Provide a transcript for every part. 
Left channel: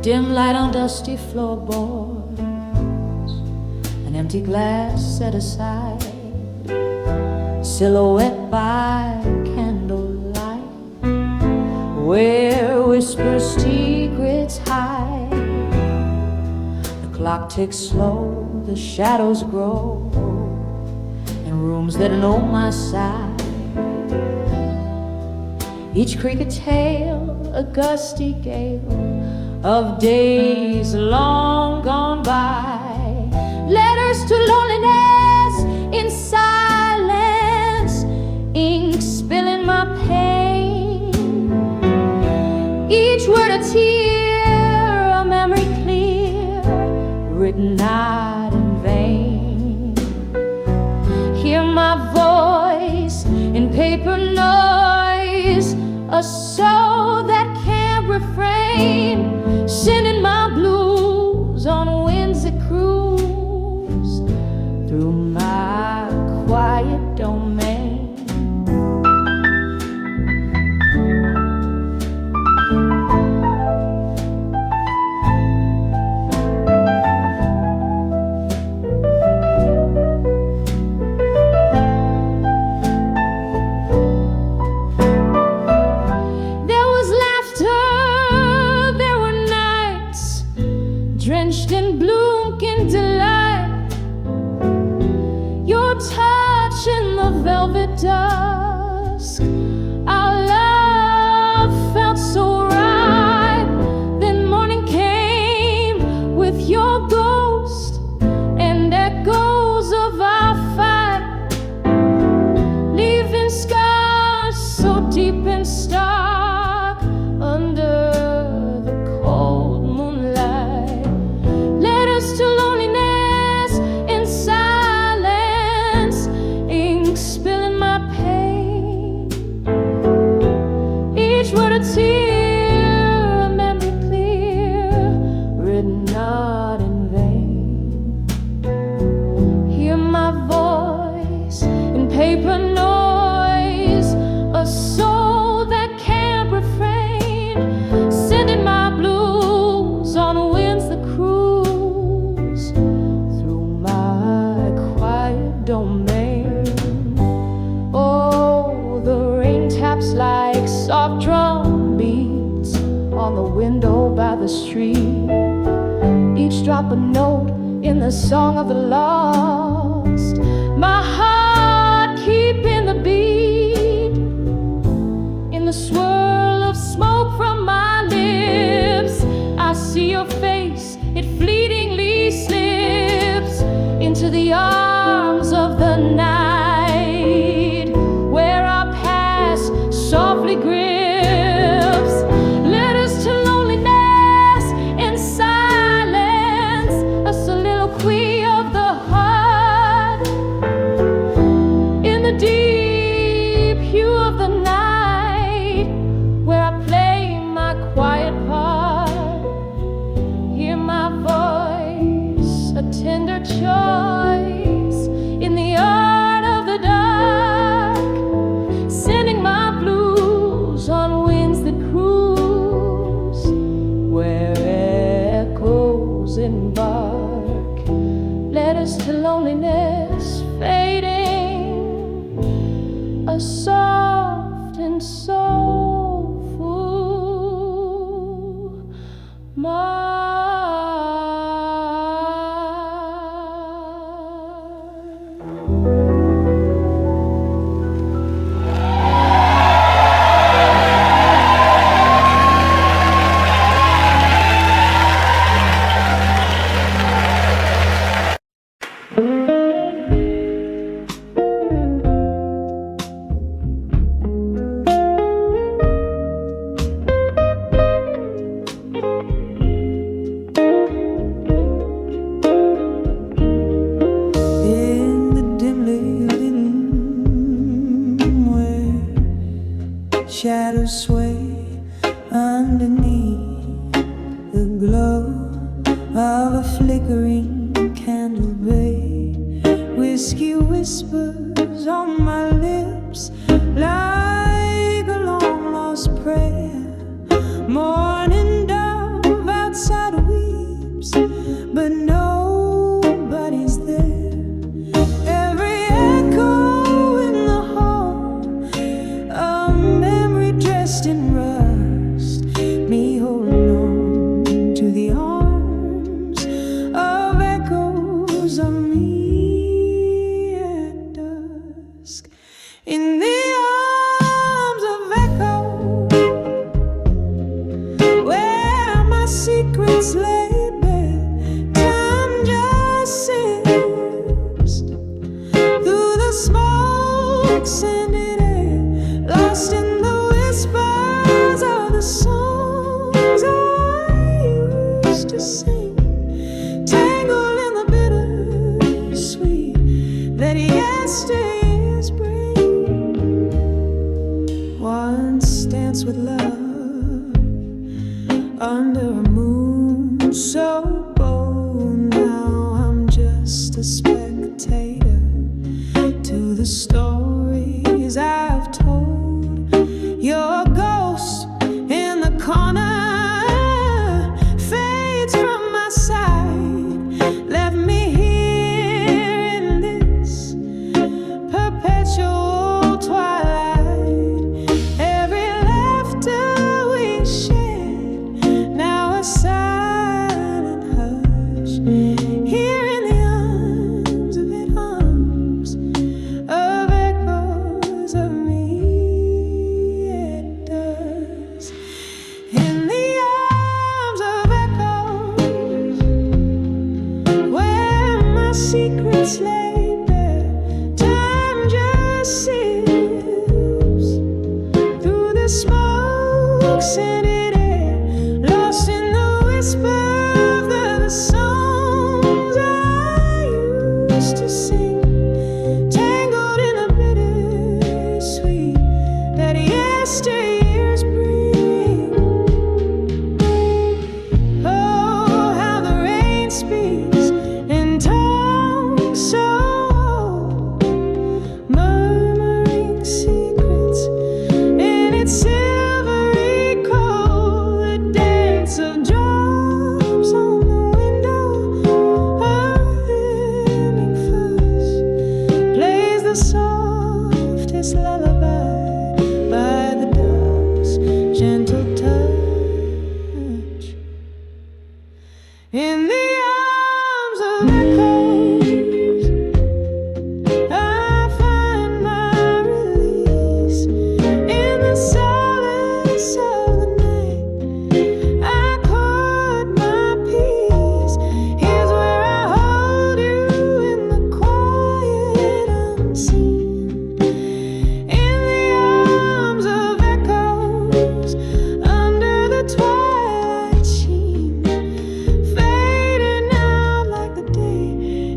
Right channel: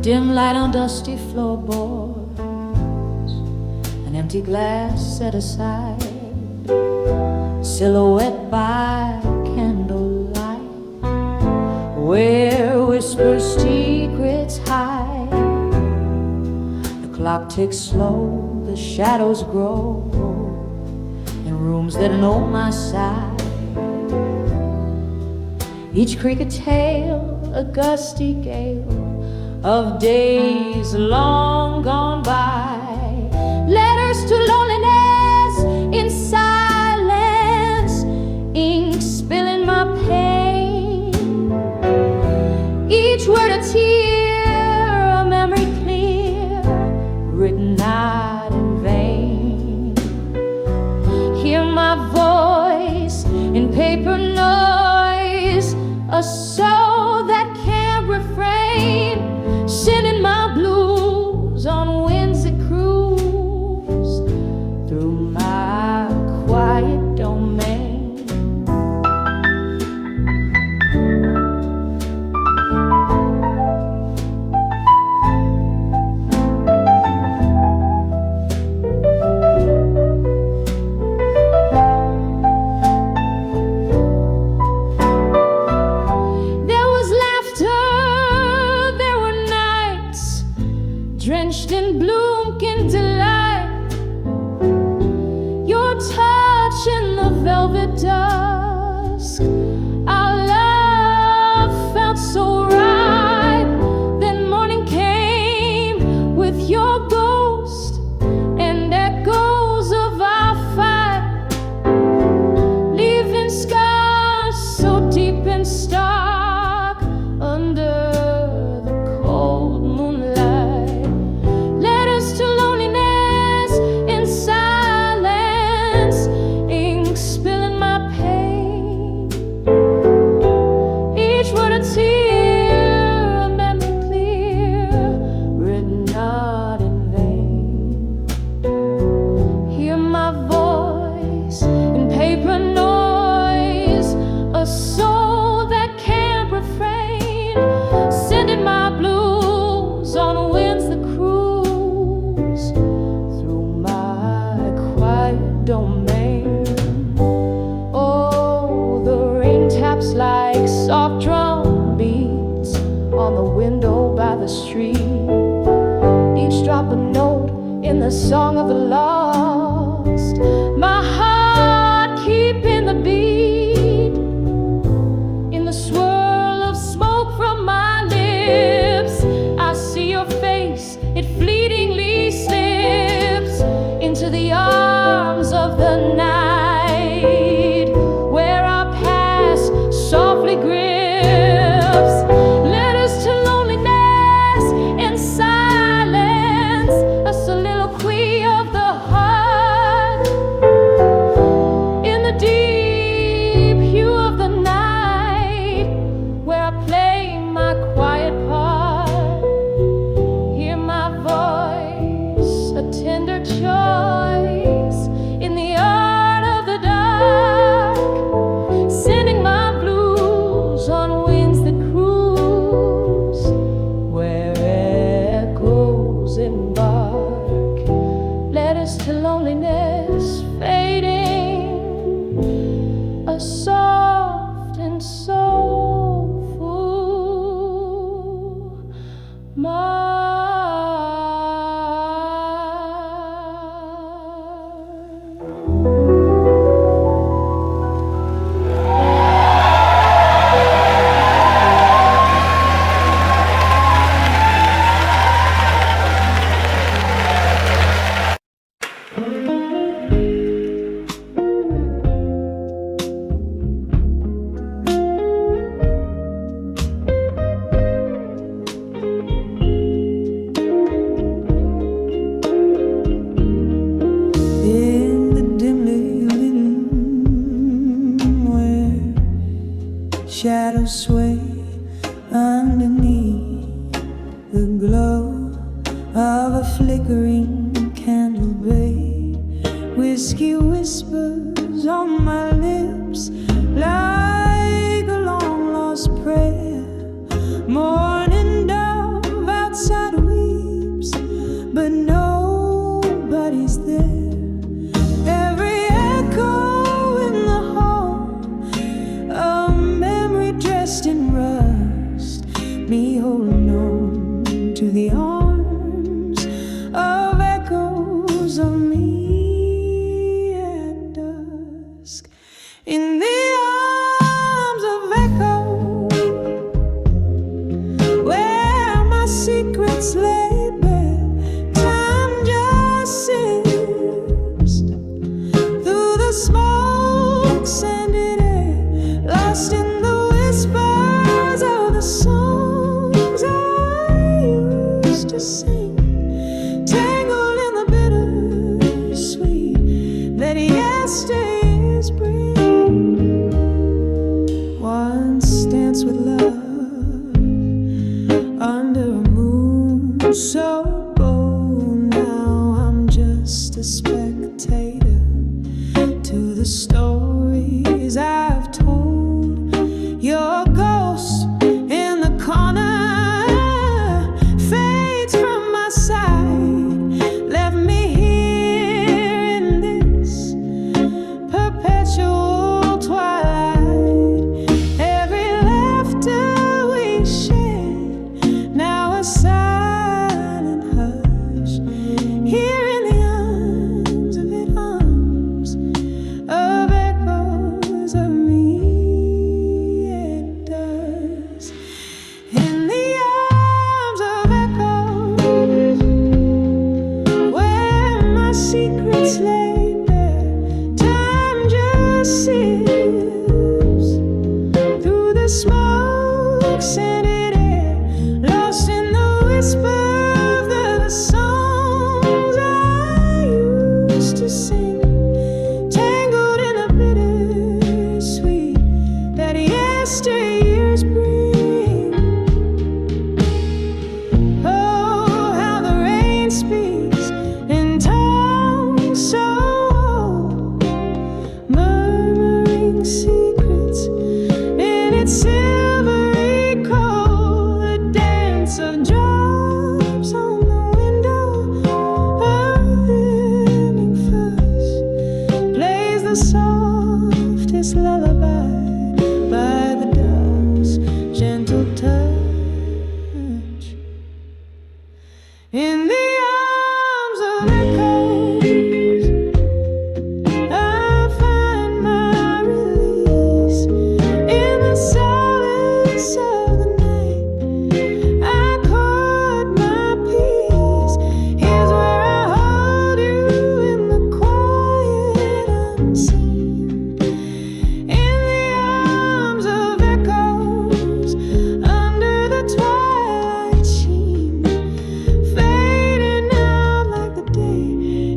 dim light on dusty floorboards, an empty glass set aside, silhouette by candlelight, where whispered secrets hide. The clock ticks slow, the shadows grow in rooms that know my side. Each creak a tale, a gusty gale of days long gone by. Letters to loneliness in silence, ink spilling my pain. Each word a tear, a memory clear, written not in vain. Hear my voice in paper noise, a soul that can't refrain, sending my blues on winds that cruise through my quiet domain. Drenched in bloom candlelight, your touch in the velvet dusk. Our love felt so right. Then morning came with your ghost and echoes of our fight, leaving scars so deep and stark under the cold moonlight. To loneliness in silence, ink spilling my pain. Each word a tear, a memory clear, written not in vain. Hear my voice in paper noise, a soul that can't refrain, sending my blues on winds that cruise domain. Oh, the rain taps like soft drum beats on the window by the street, each drop a note in the song of the lost. My heart keeping the beat in the swirl of smoke from my lips. I see your face, it fleetingly slips into the arms of the night, where our past softly grips. Letters to loneliness in silence, a soliloquy of the heart, in the deep hue of the night, where I play my quiet part. Hear my voice, a tender choice in the art of the dark, sending my blues on winds that cruise, where echoes embark. Letters to loneliness fading, a soft and soulful mark. Shadows sway underneath the glow of a flickering candle bay. Whiskey whispers on my lips like a long lost prayer. Morning dove outside but nobody's there. Every echo in the hall, a memory dressed in rust, me holding on to the arms of echoes of me at dusk. In the arms of echo, where my secrets lay bare, time just sips through the smoke scented air, lost in the whispers of the songs I used to sing, tangled in the bittersweet that yesteryears bring. Once danced with love under a moon so bold, now I'm just a spectator to the stories I've told. Your ghost in the corner fades from my side, left me here in this perpetual twilight. Every laughter we shared, now a silent hush, here in the arms of it, arms of echoes of me at dusk. In the arms of echoes, where my secrets lay bare, time just sips through the smoke scented air, lost in the whisper of the songs I used to sing, tangled in a bittersweet that yesteryears bring. Oh, how the rain speaks in tongues so old, murmuring secrets in its silvery cold. The dance of drops on the window, a hymning fuzz plays the softest lullaby by the dusk's gentle touch. In the arms of echoes, I find my release. In the silence of the night, I caught my peace. Here's where I hold you in the quiet unseen. In the arms of echoes, under the twilight sheen, fading out like the day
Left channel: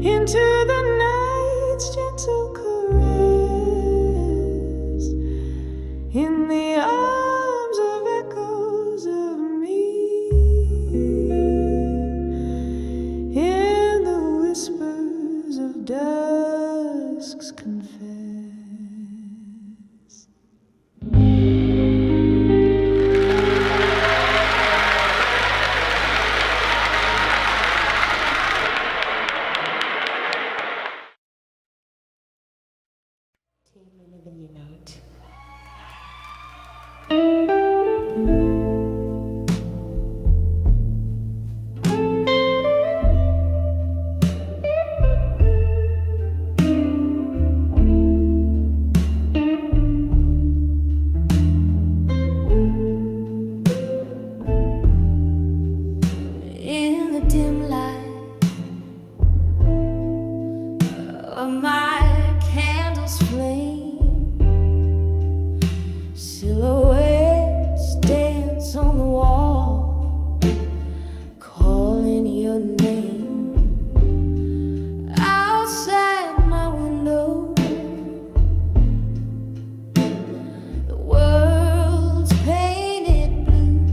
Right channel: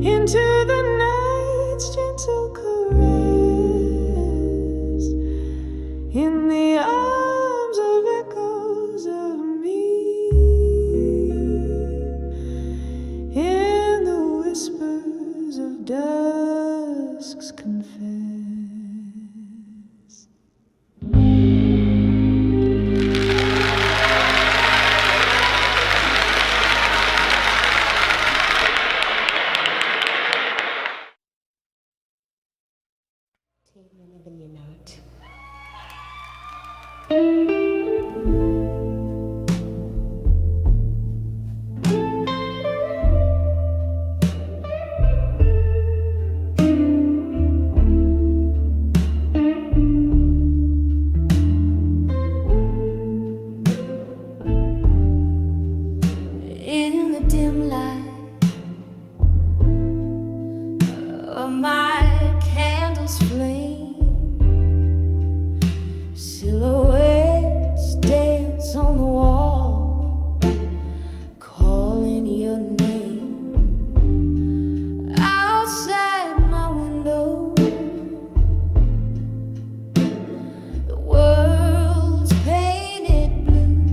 into the night's gentle caress. In the arms of echoes of me, in the whispers of dusk's confess. Even your note. In the dim light of my candle's flame, silhouettes dance on the wall, calling your name. Outside my window, the world's painted blue.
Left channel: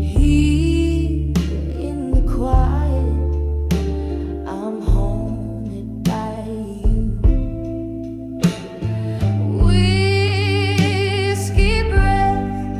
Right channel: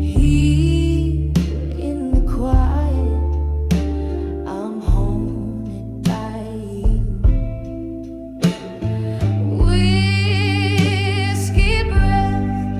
Here in the quiet, I'm haunted by you. Whiskey breath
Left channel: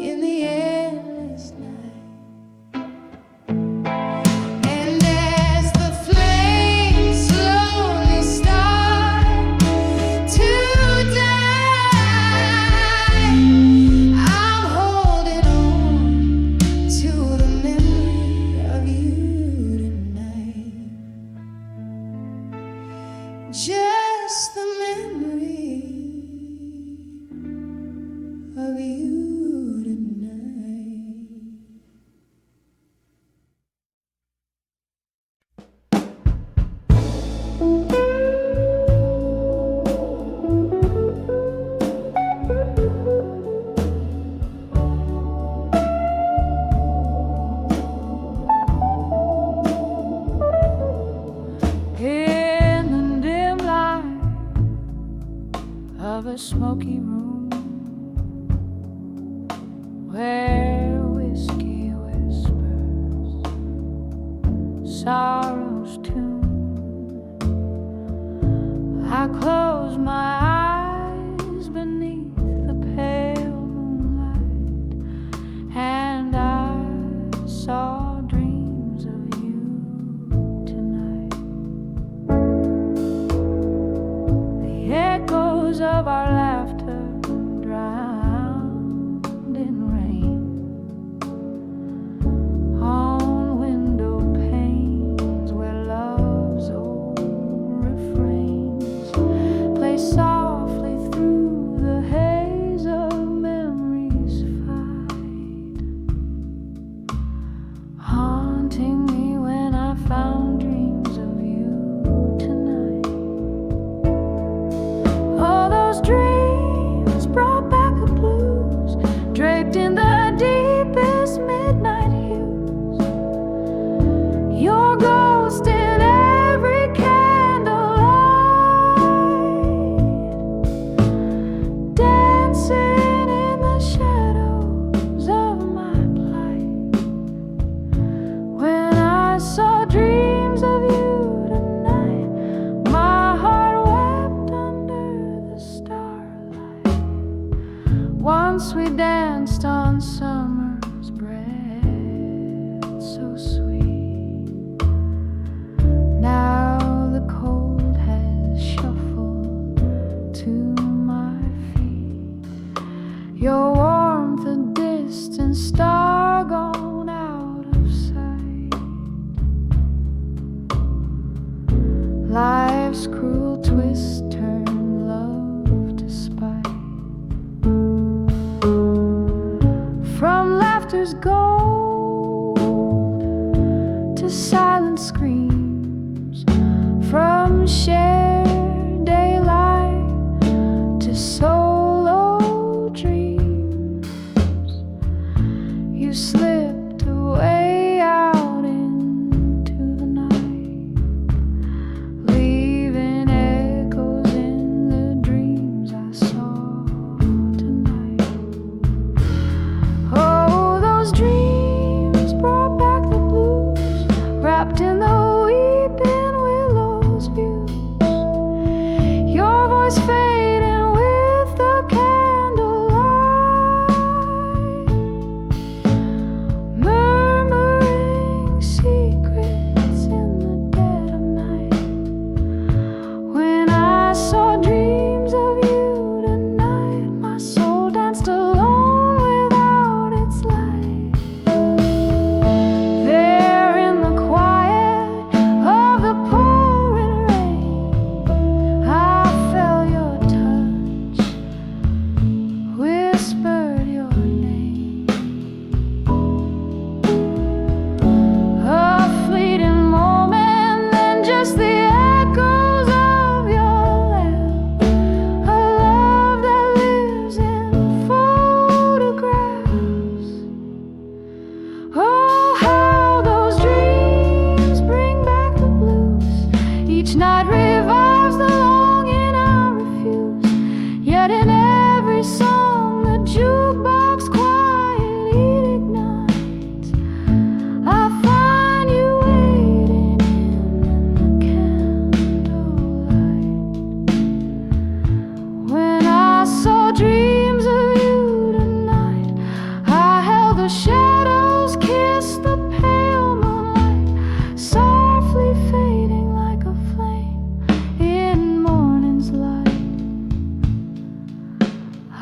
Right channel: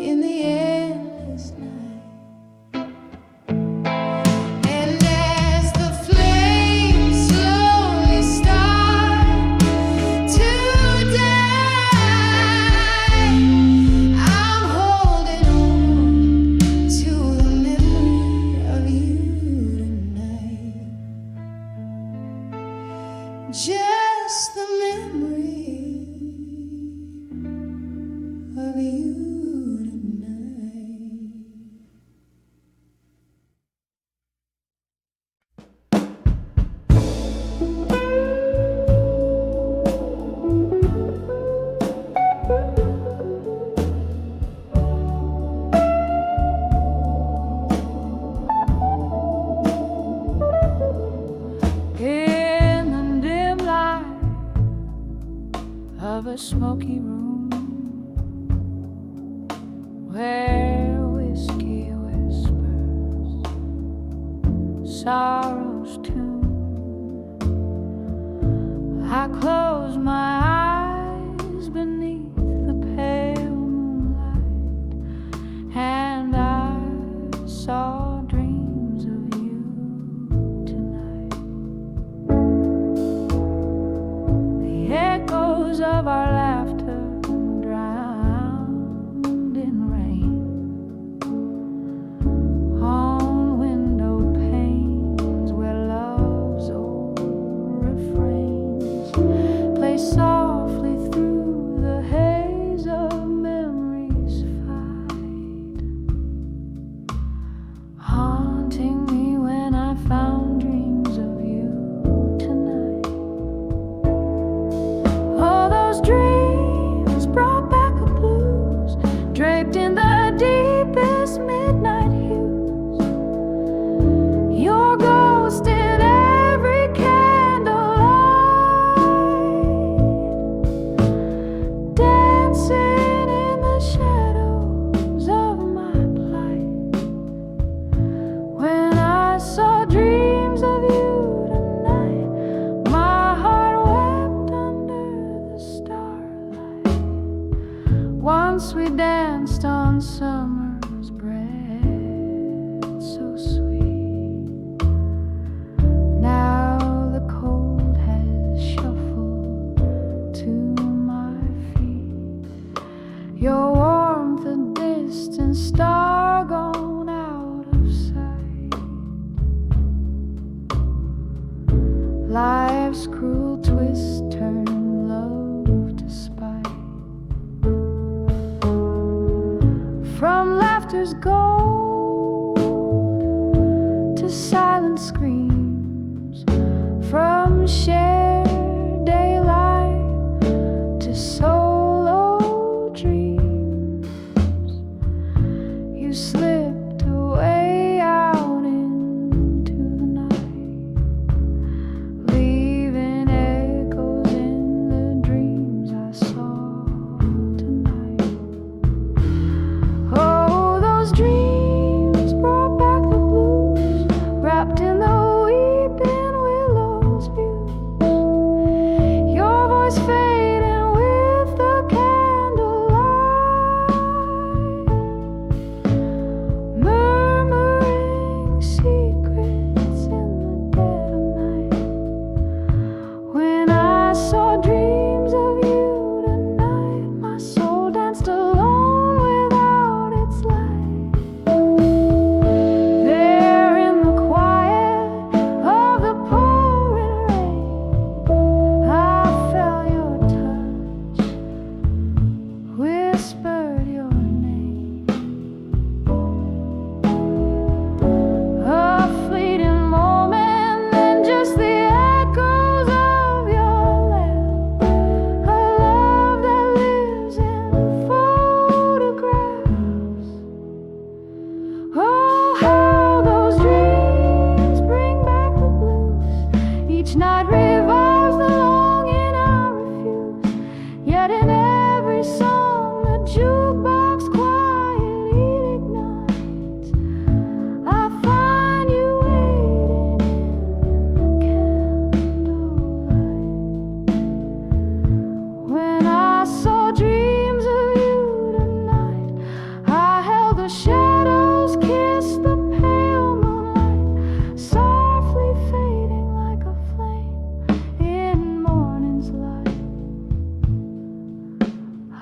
in the endless night. And as the flames slowly start to die, I'm holding on to the memory of you tonight. Just the memory of you tonight. In the dim light of a smoky room, where whiskey whispers sorrow's tune, I close my eyes beneath the pale moonlight, and I saw dreams of you tonight. The echoes of our laughter drowned in rain on window panes where love's old refrains play softly through the haze of memories fight, haunting me when I found dreams of you tonight. All those dreams brought back the blues, draped in the deepest midnight hues. Your ghost in every candlelight, dancing in the shadows of my plight. When I saw dreams of you tonight, my heart wept under the starlight. Once we danced on summer's breath so sweet. Now the cold has shuffled to my feet. Your warmth a distant star gone out of sight. Life's cruel twist turned love to spite. From laughter's gold to silent screams, from shared daylight to solo dreams, you slipped away out into the night, leaving echoes in the dreams I saw tonight. Oh, those dreams brought back the blues, wrapped in the weeping willows views. Your voice fading with the candlelight.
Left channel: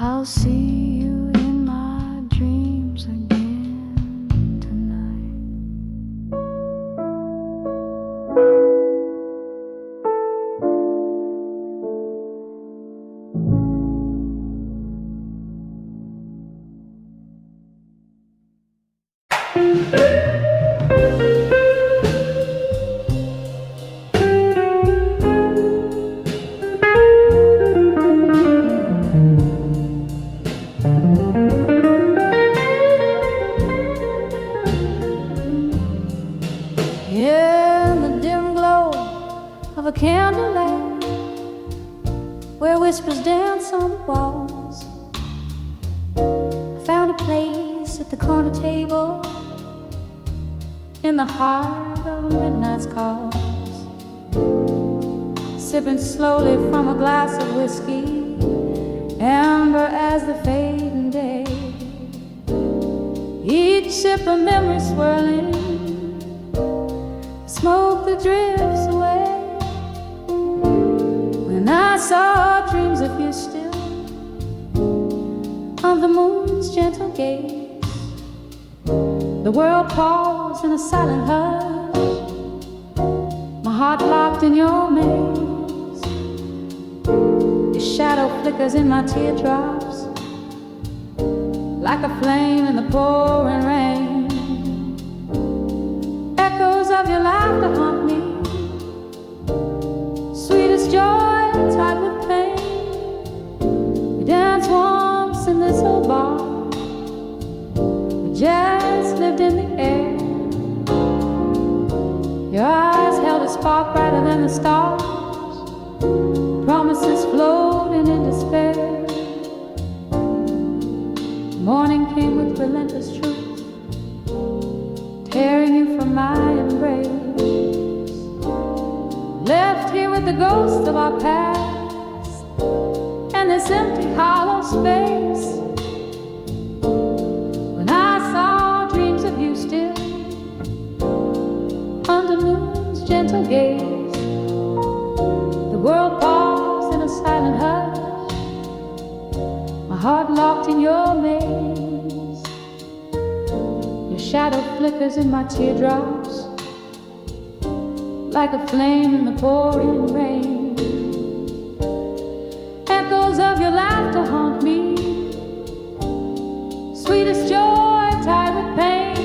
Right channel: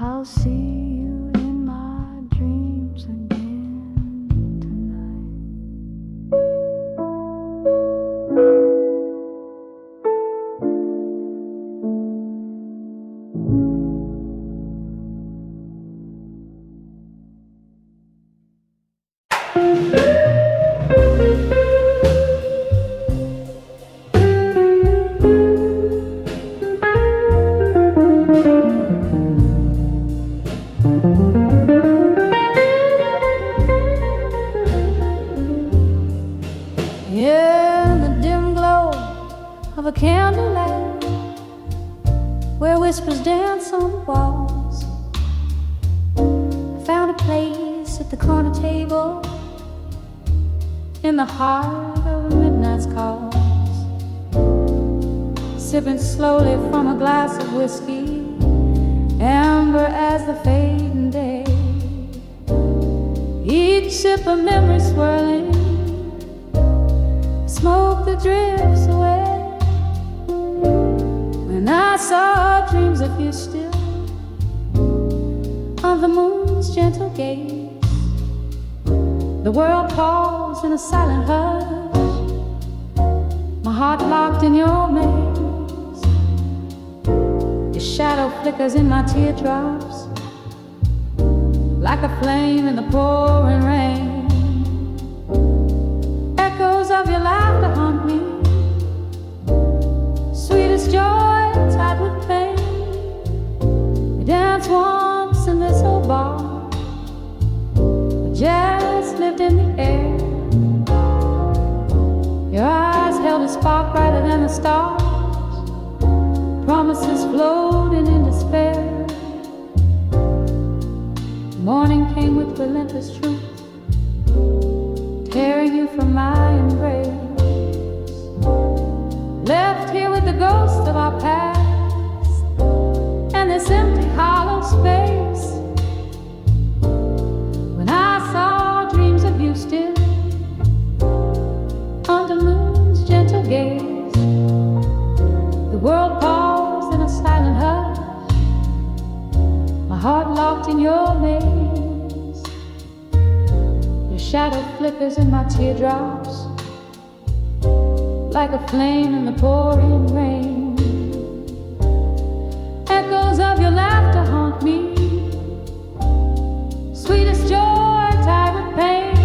I'll see you in my dreams again tonight. In the dim glow of a candlelight, where whispers dance on the walls, I found a place at the corner table in the heart of a midnight's cause, sipping slowly from a glass of whiskey, amber as the fading day, each sip a memory swirling, smoke that drifts away. When I saw dreams of you still on the moon's gentle gaze, the world paused in a silent hush, my heart locked in your maze. Your shadow flickers in my teardrops like a flame in the pouring rain. Echoes of your laughter haunt me, sweetest joy tied with pain. We danced once in this old bar, where jazz lived in the air. Your eyes held a spark brighter than the stars, promises floating in despair. Morning came with relentless truth, tearing you from my embrace. Left here with the ghosts of our past and this empty hollow space. When I saw dreams of you still under moon's gentle gaze, the world paused in a silent hush, my heart locked in your maze. Your shadow flickers in my teardrops like a flame in the pouring rain. Echoes of your laughter haunt me, sweetest joy tied with pain.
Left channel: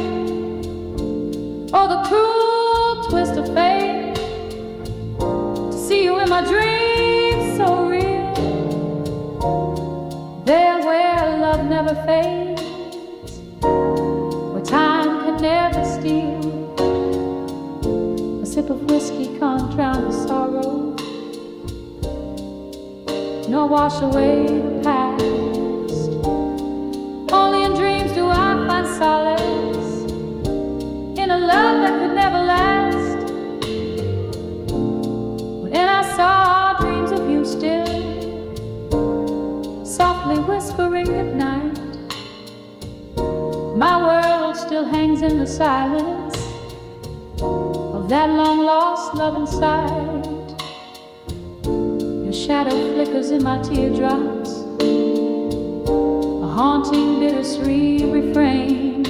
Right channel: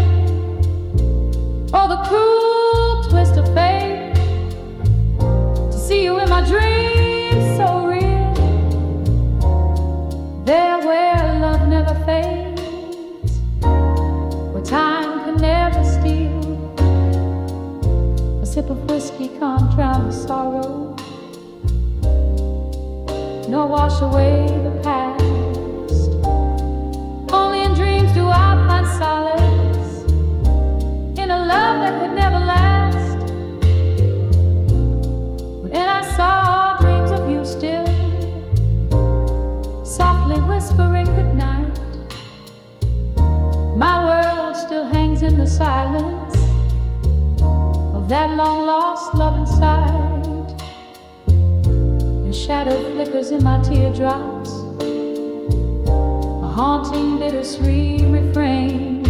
Oh, the cruel twist of fate, to see you in my dreams so real. There where love never fades, where time can never steal. A sip of whiskey can't drown the sorrow, nor wash away the past. Only in dreams do I find solace, in a love that could never last. When I saw dreams of you still, softly whispering goodnight, my world still hangs in the silence of that long-lost love inside. Your shadow flickers in my teardrops, a haunting, bittersweet refrain.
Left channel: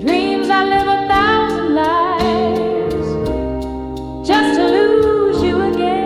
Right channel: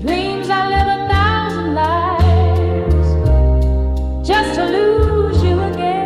Dreams I live 1,000 lives just to lose you again.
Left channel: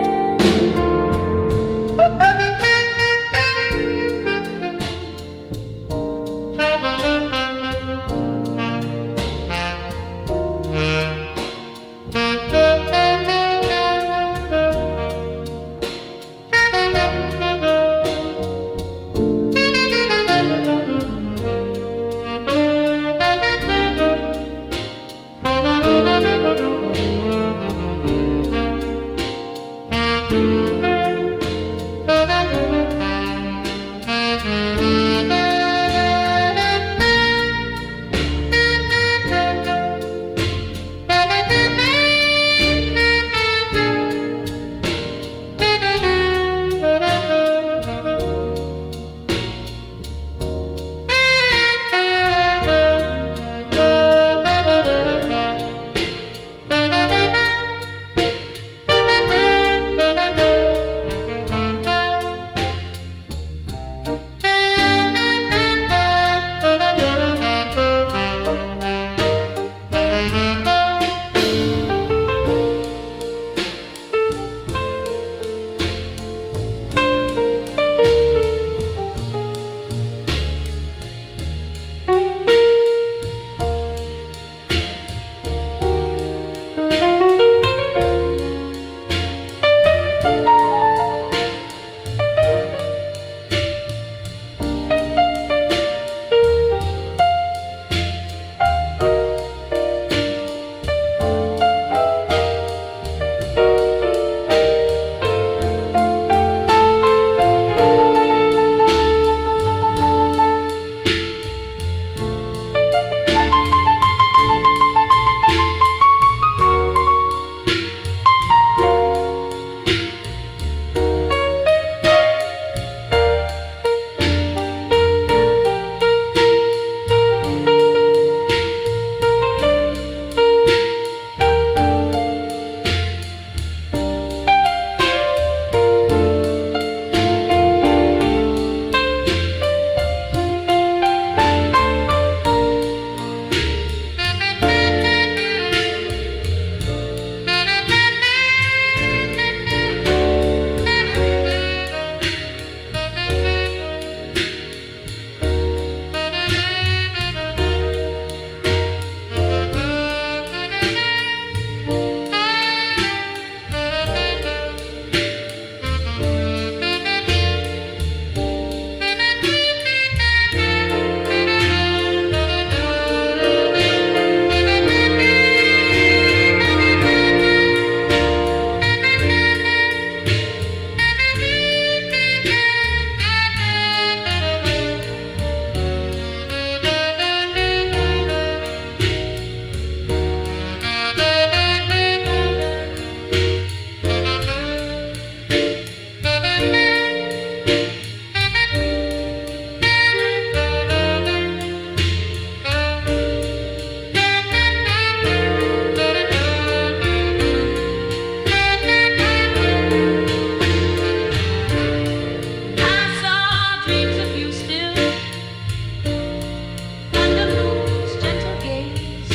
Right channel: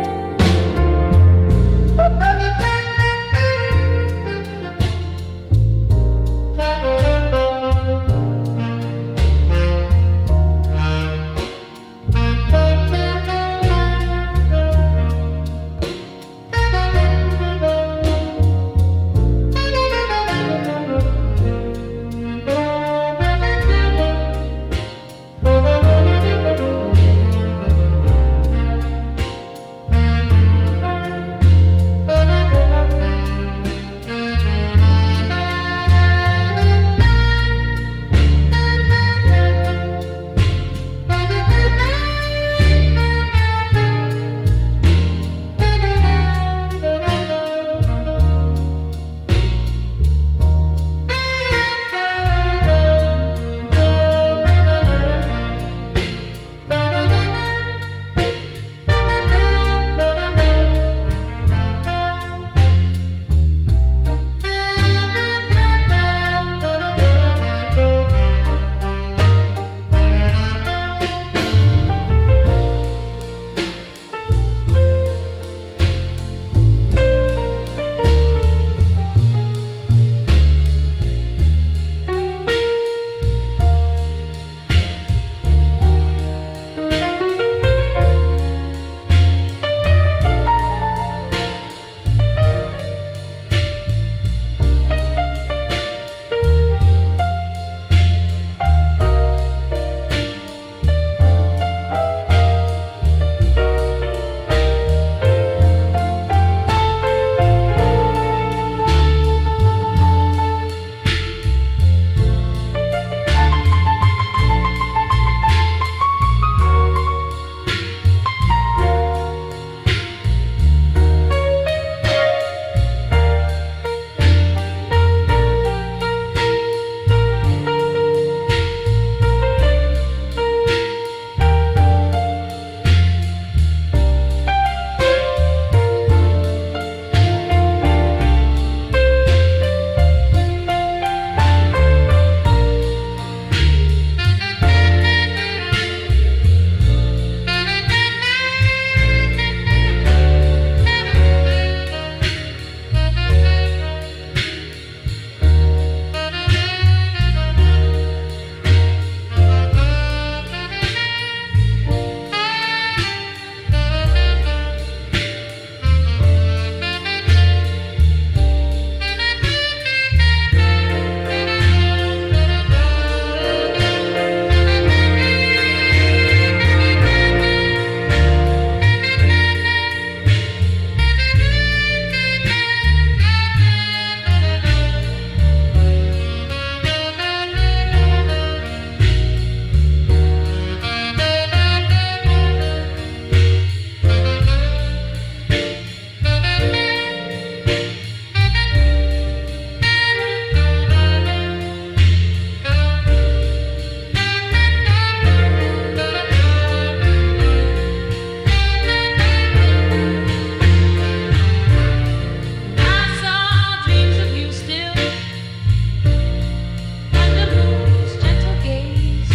gaze.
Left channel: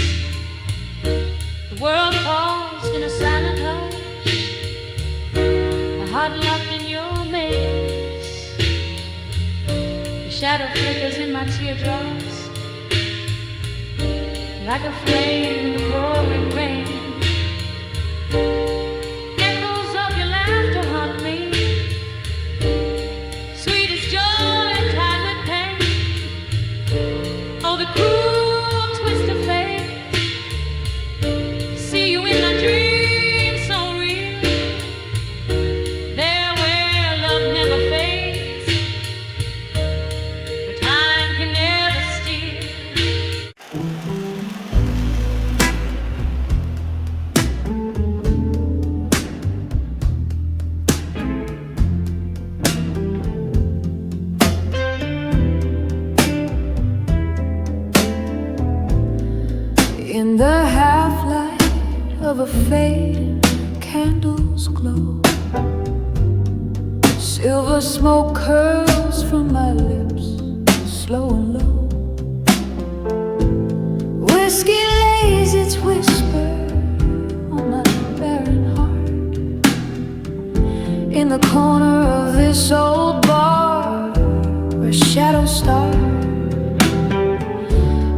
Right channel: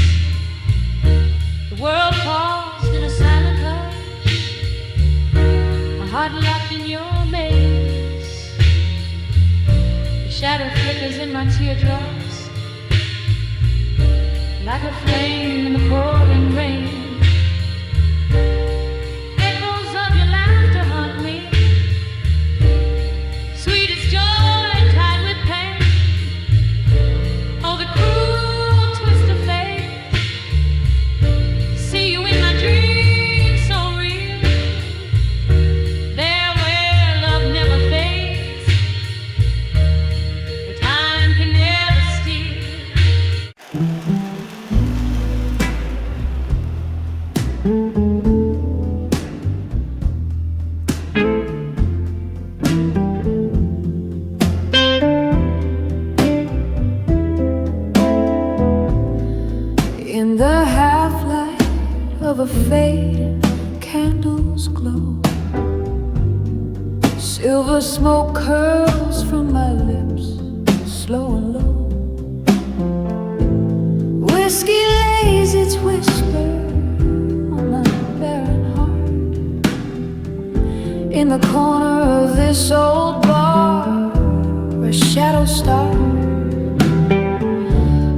The world paused in a silent hush, my heart locked in your maze. The shadow flickers in my teardrops like a flame in the pouring rain. Echoes of your laughter haunt me, sweet as joy tied with pain. Oh, the cruel twist of fate. See you in my dreams so real, there where love never fades, where time can never steal. In the half-light of a fading candle's glow, silver smoke curls from my lips, slow and low. Whiskey lays its whisper on my barren heart. In the corner of this old bar where shadows start,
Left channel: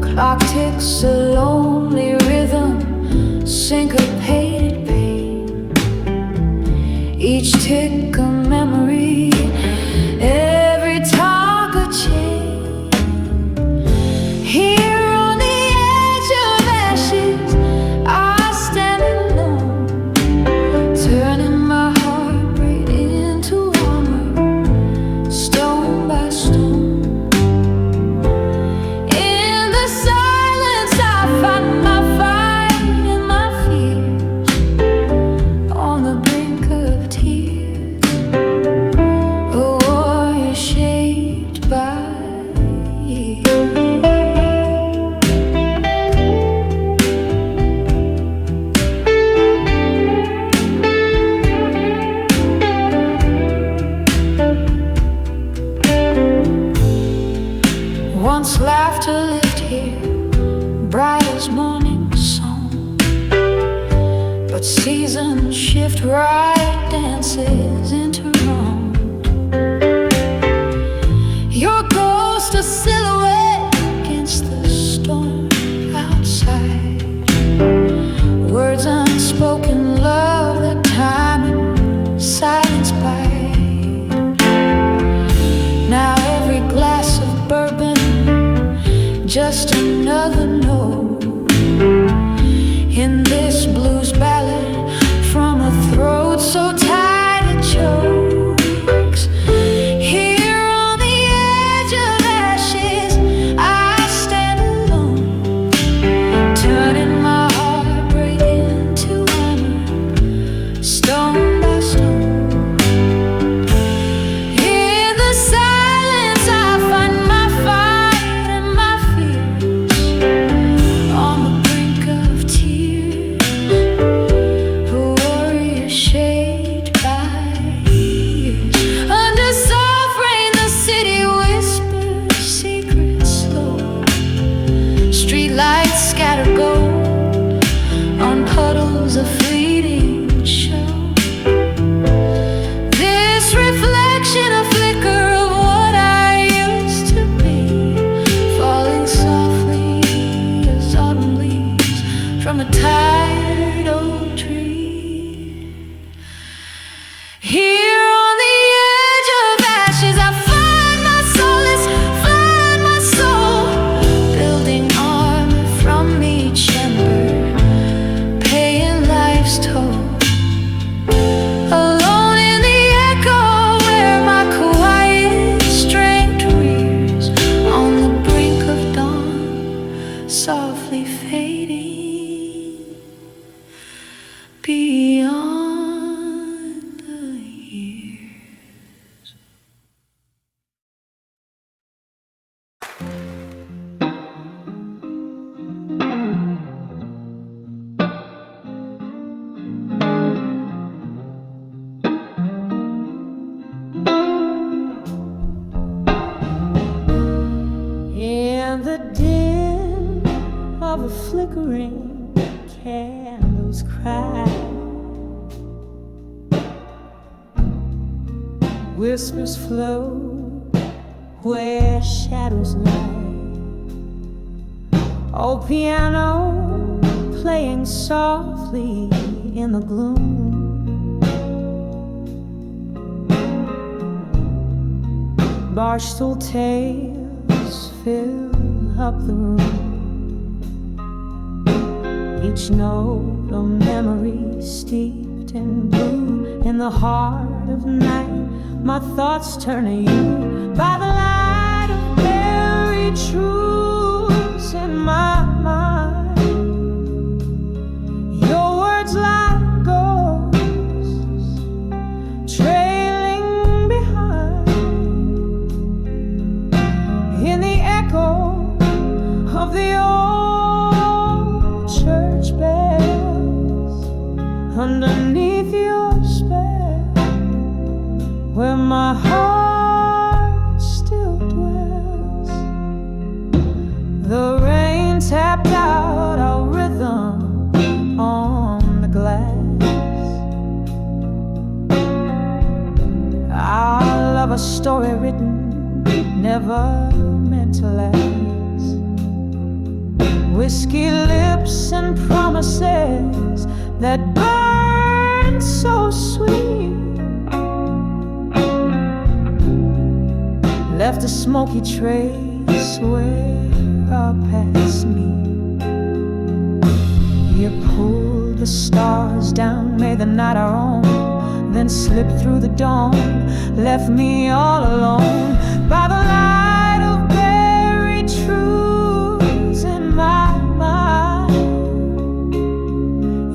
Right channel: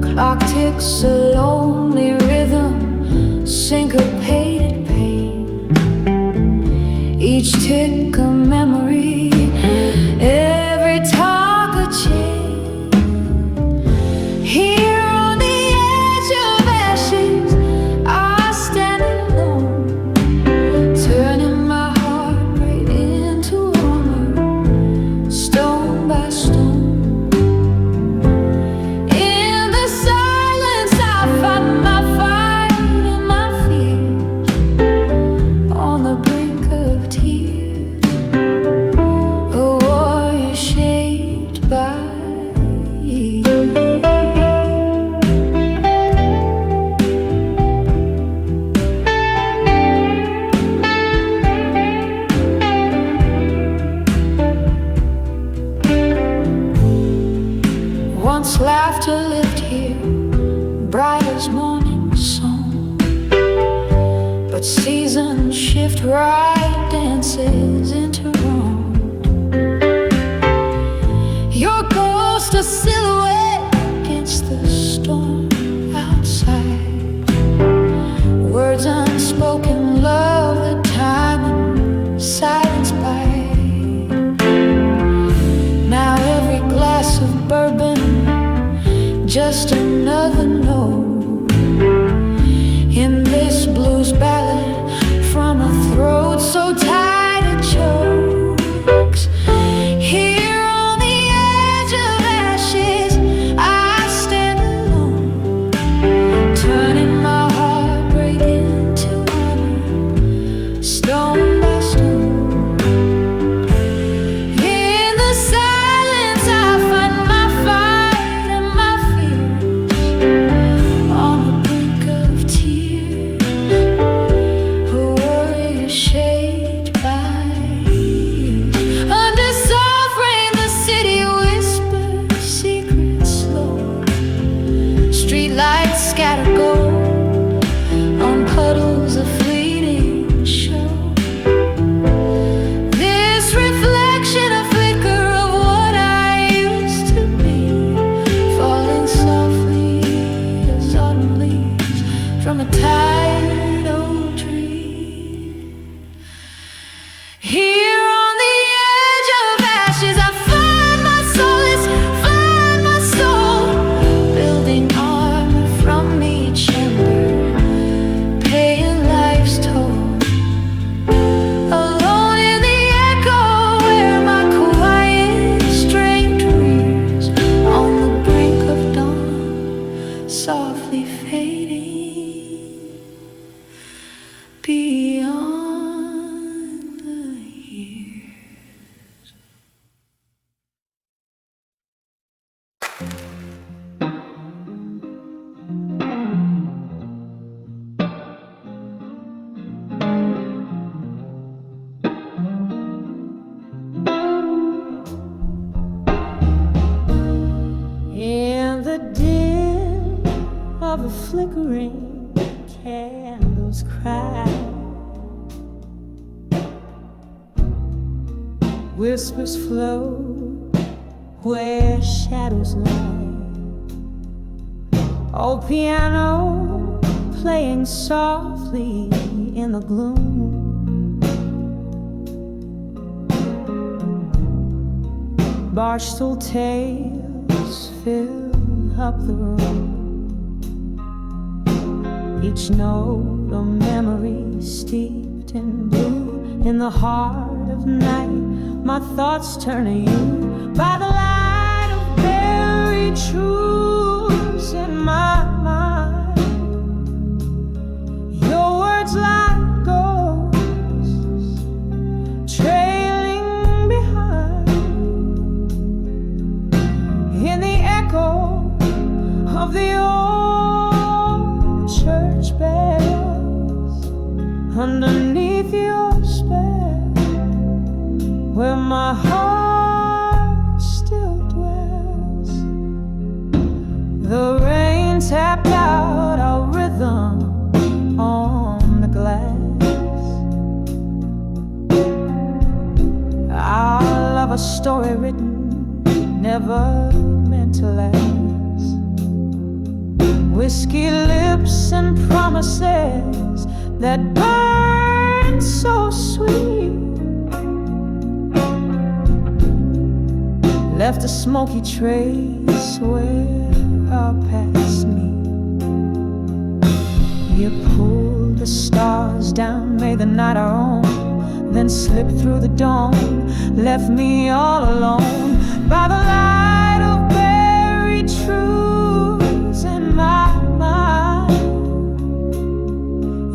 clock ticks a lonely rhythm, syncopated pain. Each tick a memory, every talk a chain. Here on the edge of ashes, I stand alone, turning my heartbreak into armor, stone by stone. Silence, I find my fight and my fears on the brink of tears, a warrior shaped by years. Once laughter lived here, bright as morning song, but seasons shift, right dances into wrong. Your ghost a silhouette against the storm outside, words unspoken, love that time and silence bite. Now every glass of bourbon, just another note in this blues ballad from a throat so tight it chokes. Here on the edge of ashes, I stand alone, turning my heartbreak into armor, stone by stone. In the silence, I find my fight and my fears on the brink of tears, a warrior shaped by years. Under soft rain, the city whispers secrets slow. Streetlights scatter gold on puddles of fleeting show. This reflection, a flicker of what I used to be, falling softly as autumn leaves from a tired old tree. Here on the edge of ashes, I find my solace, find my soul, building armor from each ember, paying life's toll. Alone in the echo where my quiet strength rears on the brink of dawn, softly fading beyond the years. In the dim of of the flickering candles cry. Whispers float where shadows lie. Oh, piano playing softly in the gloom. Barstool tales fill up the room. Each note a memory steeped in blue. In the heart of night, my thoughts turn to you. By the light of buried truths in my mind, your words like ghosts trailing behind. In the echo of the old church bells, underneath your spell, where my heart still dwells. The rain tapped out our rhythm on the glass. Our love, a story written, never meant to last. Whiskey lips and promises that burn so sweet left a smoky trace where our paths meet. You pulled the stars down, made the night our own, then slipped through the dawn, left me all alone. By the light of buried truths in my mind,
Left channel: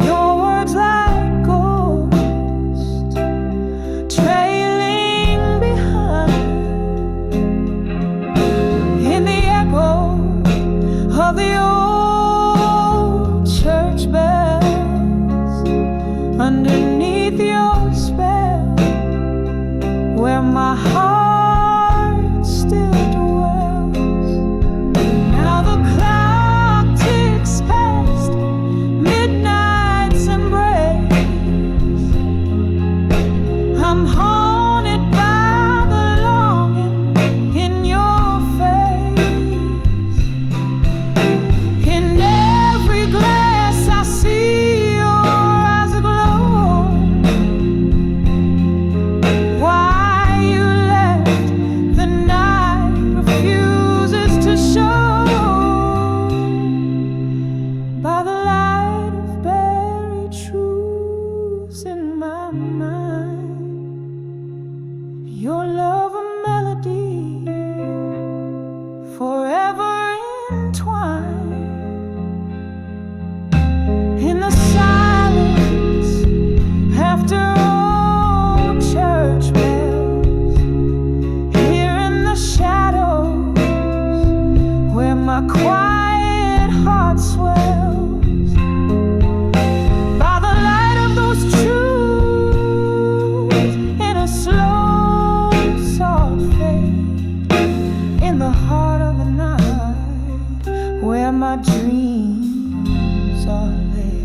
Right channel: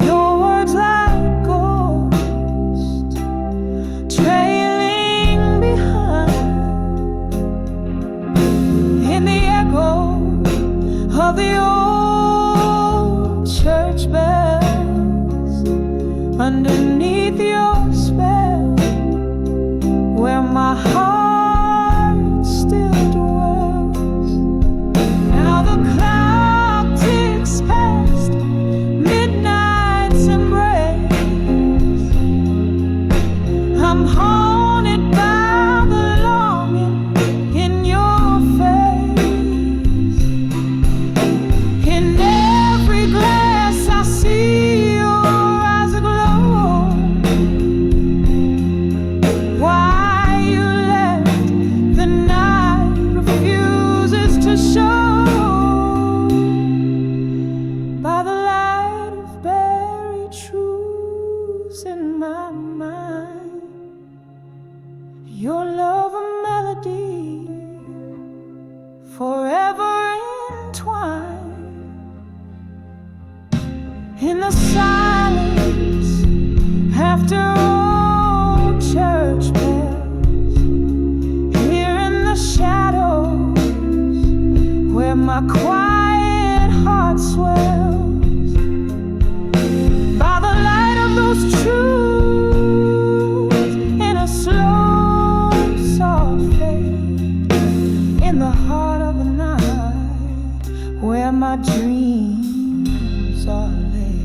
your words like ghosts trailing behind. In the echo of the old church bells, underneath your spell, where my heart still dwells. Now the clock ticks past midnight's embrace. I'm haunted by the longing in your face. In every glass I see your eyes aglow. Why you left the night refuses to show. By the light of buried truths in my mind, your love a melody forever entwined. In the silence after old church bells, here in the shadows where my quiet heart swells. By the light of those truths in a slow, soft fade, in the heart of the night where my dreams are laid.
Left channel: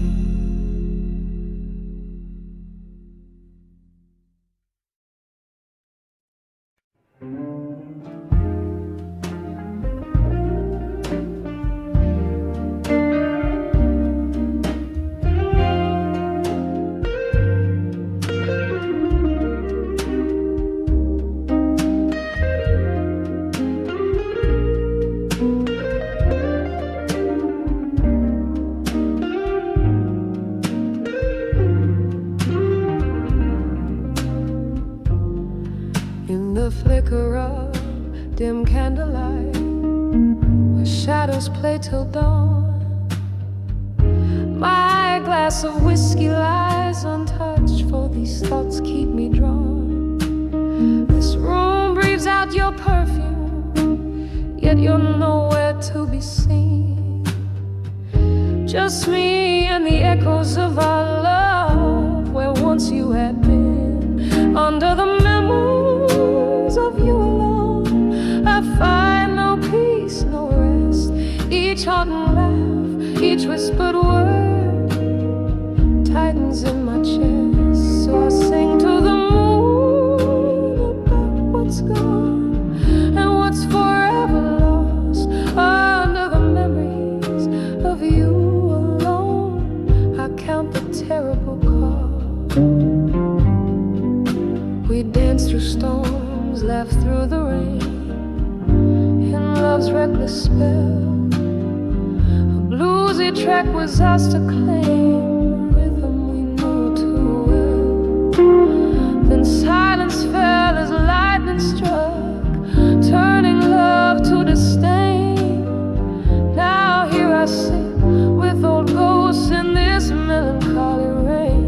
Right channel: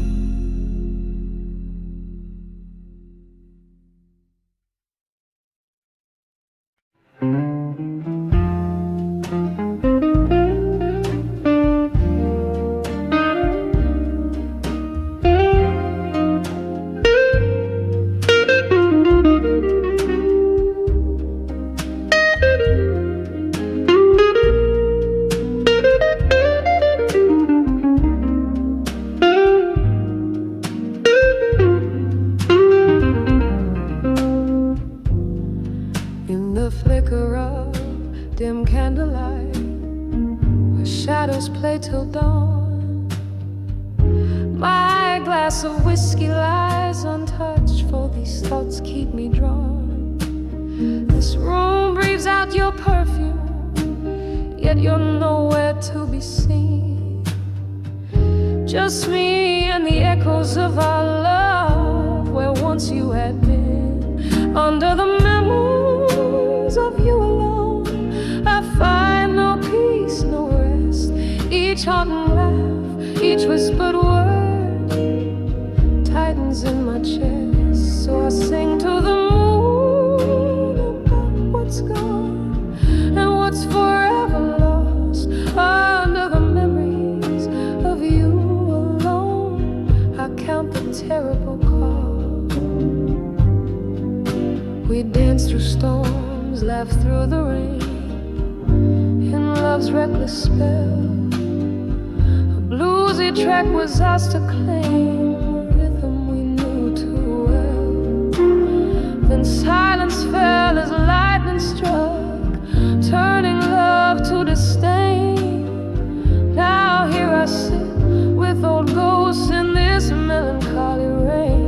In the flicker of dim candlelight, where shadows play till dawn, my glass of whiskey lies untouched, for these thoughts keep me drawn. This room breathes out your perfume, yet you're nowhere to be seen. Just me and the echoes of our love, where once you had been. Under the memories of you alone, I find no peace, no rest. Each haunting laugh Each whispered word tightens in my chest. So I sing to the moon about what's gone and what's forever lost under the memories of you alone. I count the terrible cost. We dance through storms, laugh through the rain, in love's reckless spell. A bluesy track was ours to claim, a rhythm we knew too well. Then silence fell as lightning struck, turning love to disdain. Now here I sit with old ghosts in this melancholy rain.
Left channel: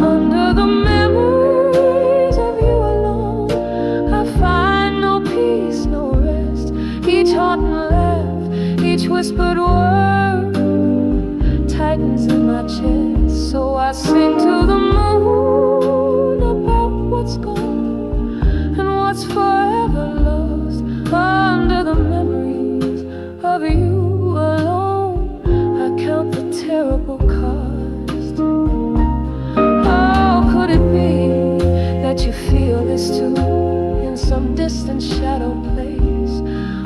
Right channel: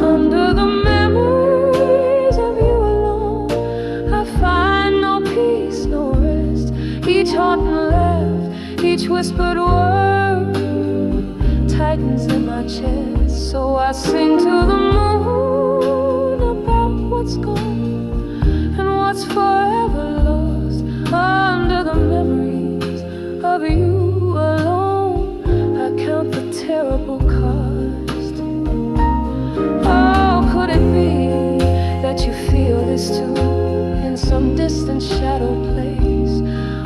Under the memories of you alone, I find no peace, no rest. Each haunting laugh, each whispered word tightens in my chest. So I sing to the moon about what's gone and what's forever lost under the memories of you alone. I count the terrible cost. Oh, could it be that you feel this too in some distant shadow place?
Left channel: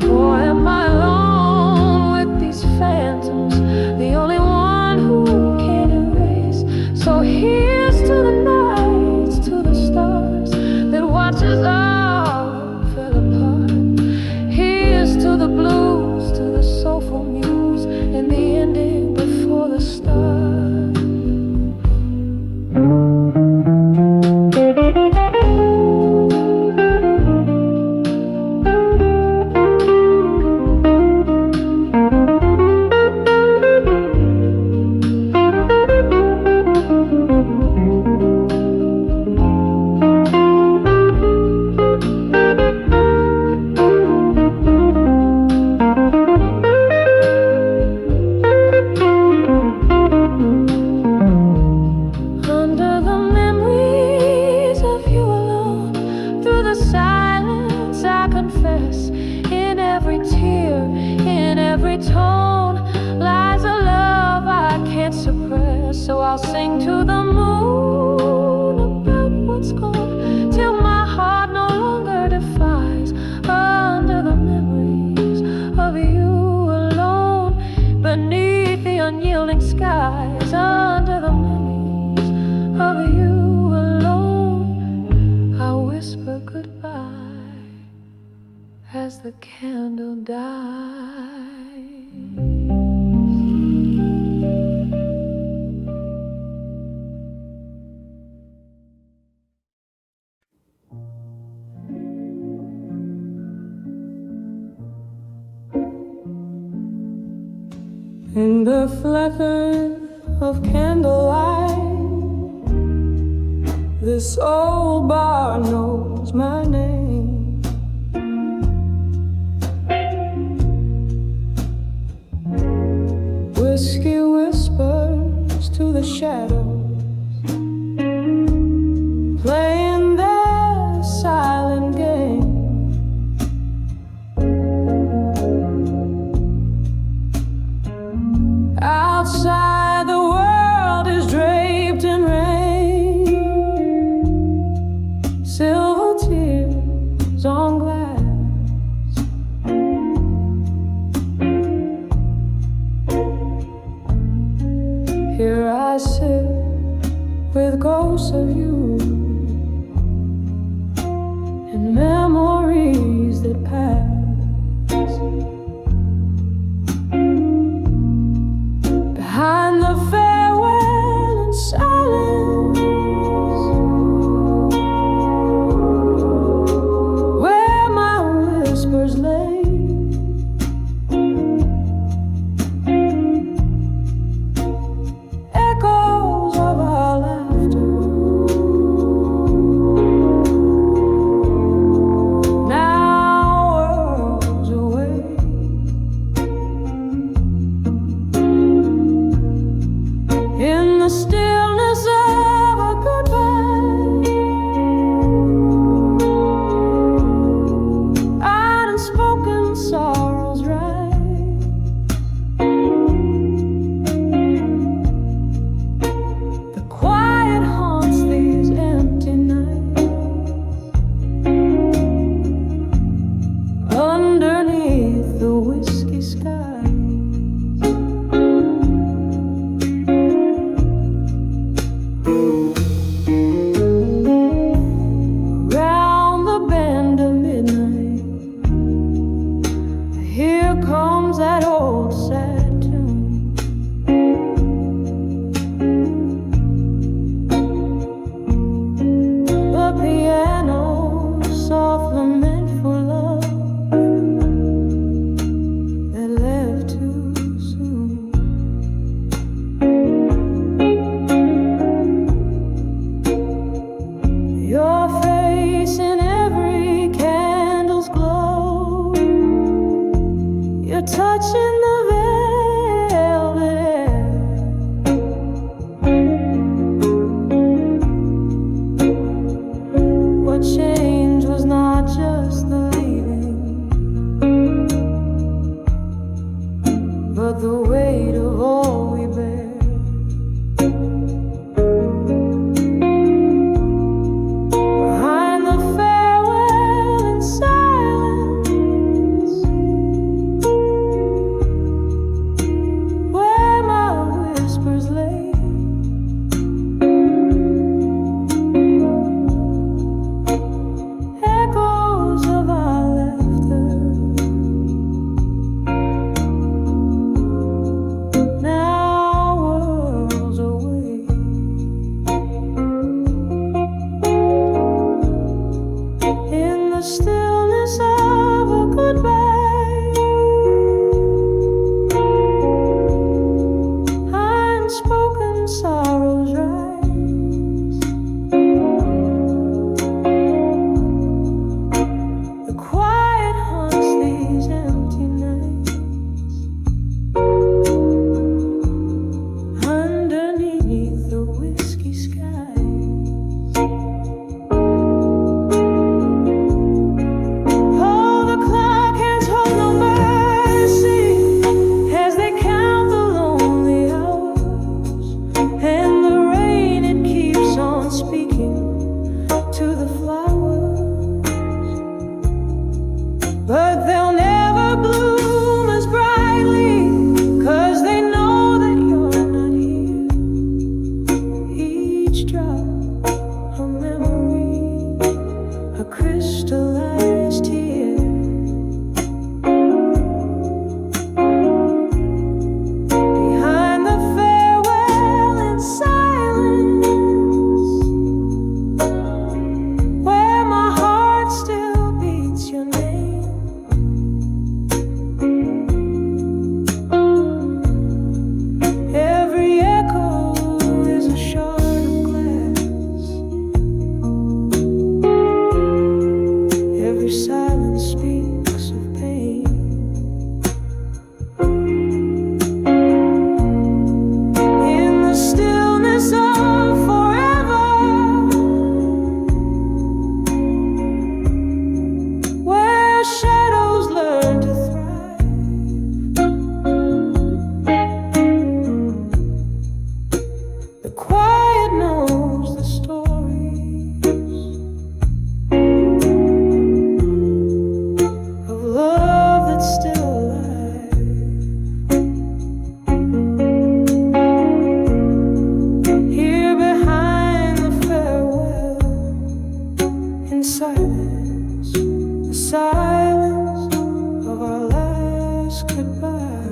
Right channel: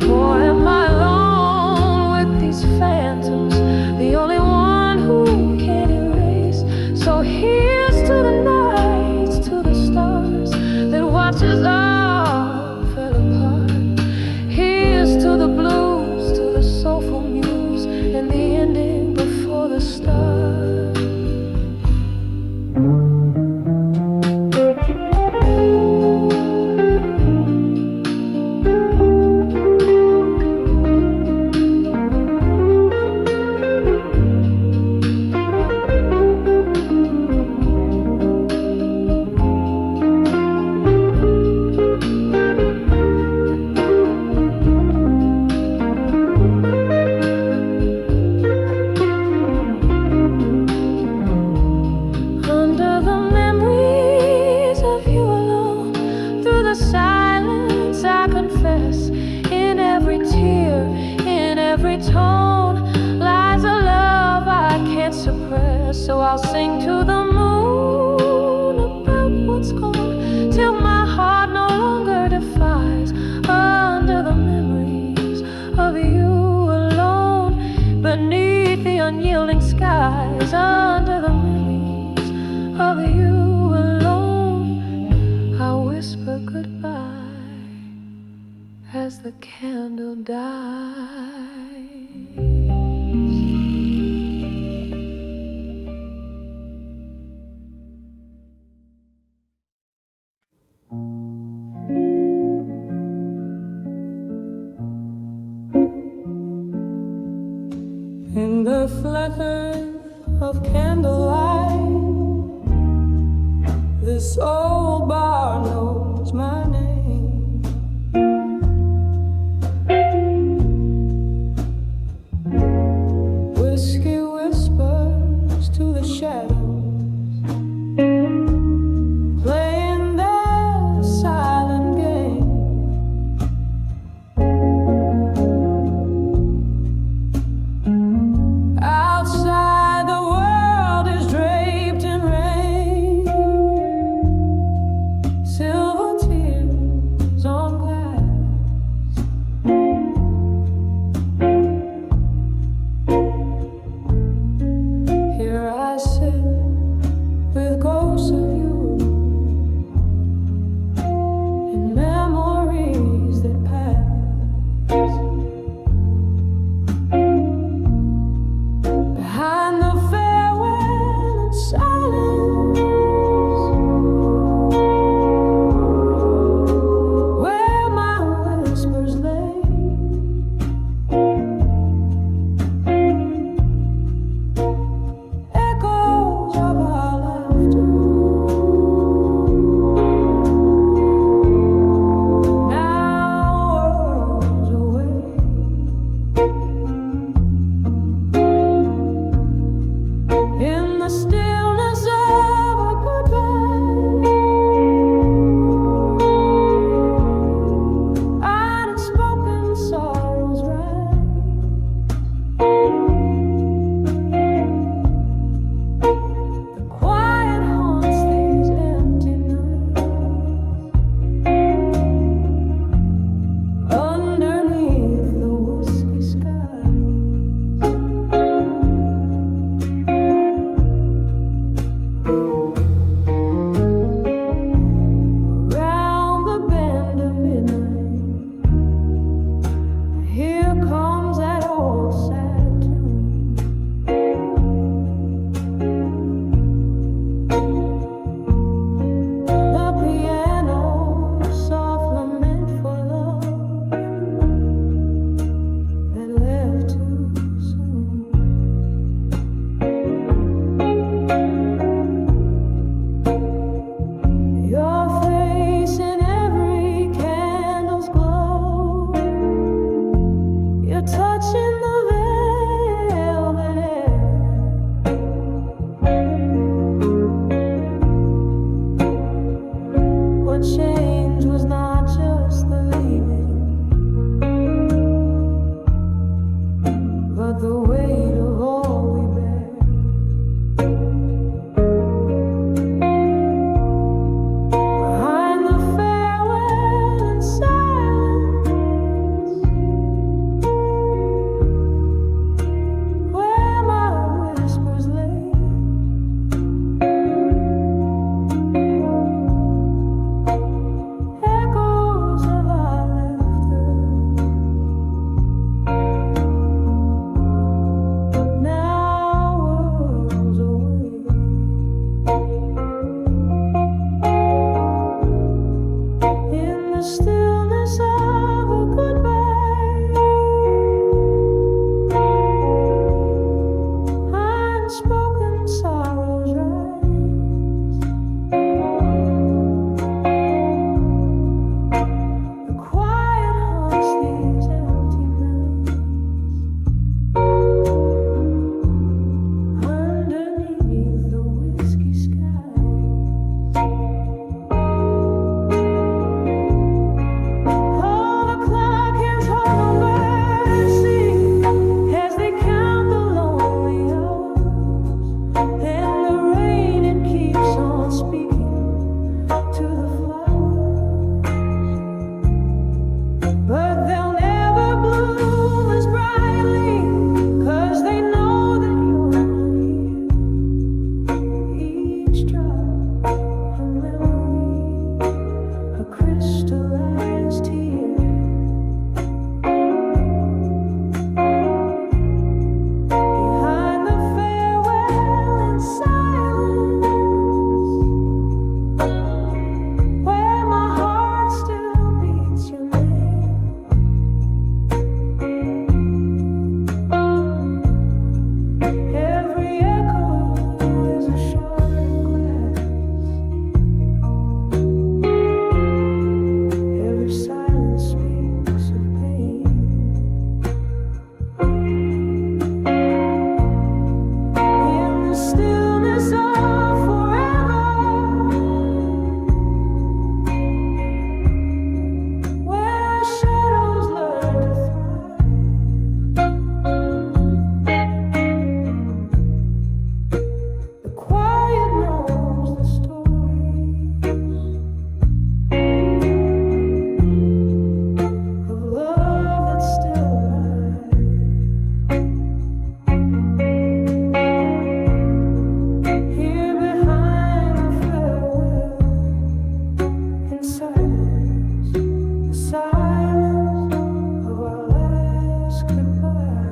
Or am I alone with these phantoms, the only one who can erase? So here's to the nights, to the stars that watch us all fell apart. Here's to the blues, to the soulful muse, and the ending before the start. So I'll sing to the moon about what's gone, till my heart no longer defies under the memories of you alone. Beneath the unyielding skies, under the memories of you alone, I whisper goodbye as the candle dies. In the flicker of candlelight, this old bar knows my name. Whiskey whispers to the shadows, playing their silent game. Outside the world is draped in rain, silver tears on glass. Here I sit with ghosts of you and memories that pass. Behind the farewell and silence, where my whispers lay, echoes of our laughter, now worlds away. In the stillness of a goodbye, unspoken here comes that old sad tune. The piano, soft lament for love that left too soon. Your face in every candle's glow, you're touching the velvet air. What changed was not just the leaving, but the weight of all we bear. Behind the farewell and silence, where my whispers lay, echoes of our laughter, now worlds away. In the stillness of a goodbye, unspoken sorrows rise. The quiet haunts these empty nights, underneath the whiskey skies. Oh, the clock hands hold no mercy as they count the lonely hours, and the rain, it keeps on speaking to the flowers. But they'll never bloom as brightly, 'cause they know that you're not here. Each drop a memory, a crystallized tear. Behind the farewell in silence, where my heart still beats your name. Every echo is a shard of glass, every silence speaks of pain. In the stillness of forever, where shadows learn to thrive, the quiet knows the stories of love that's still alive. Here behind the farewell in silence, the silence of our last goodbye.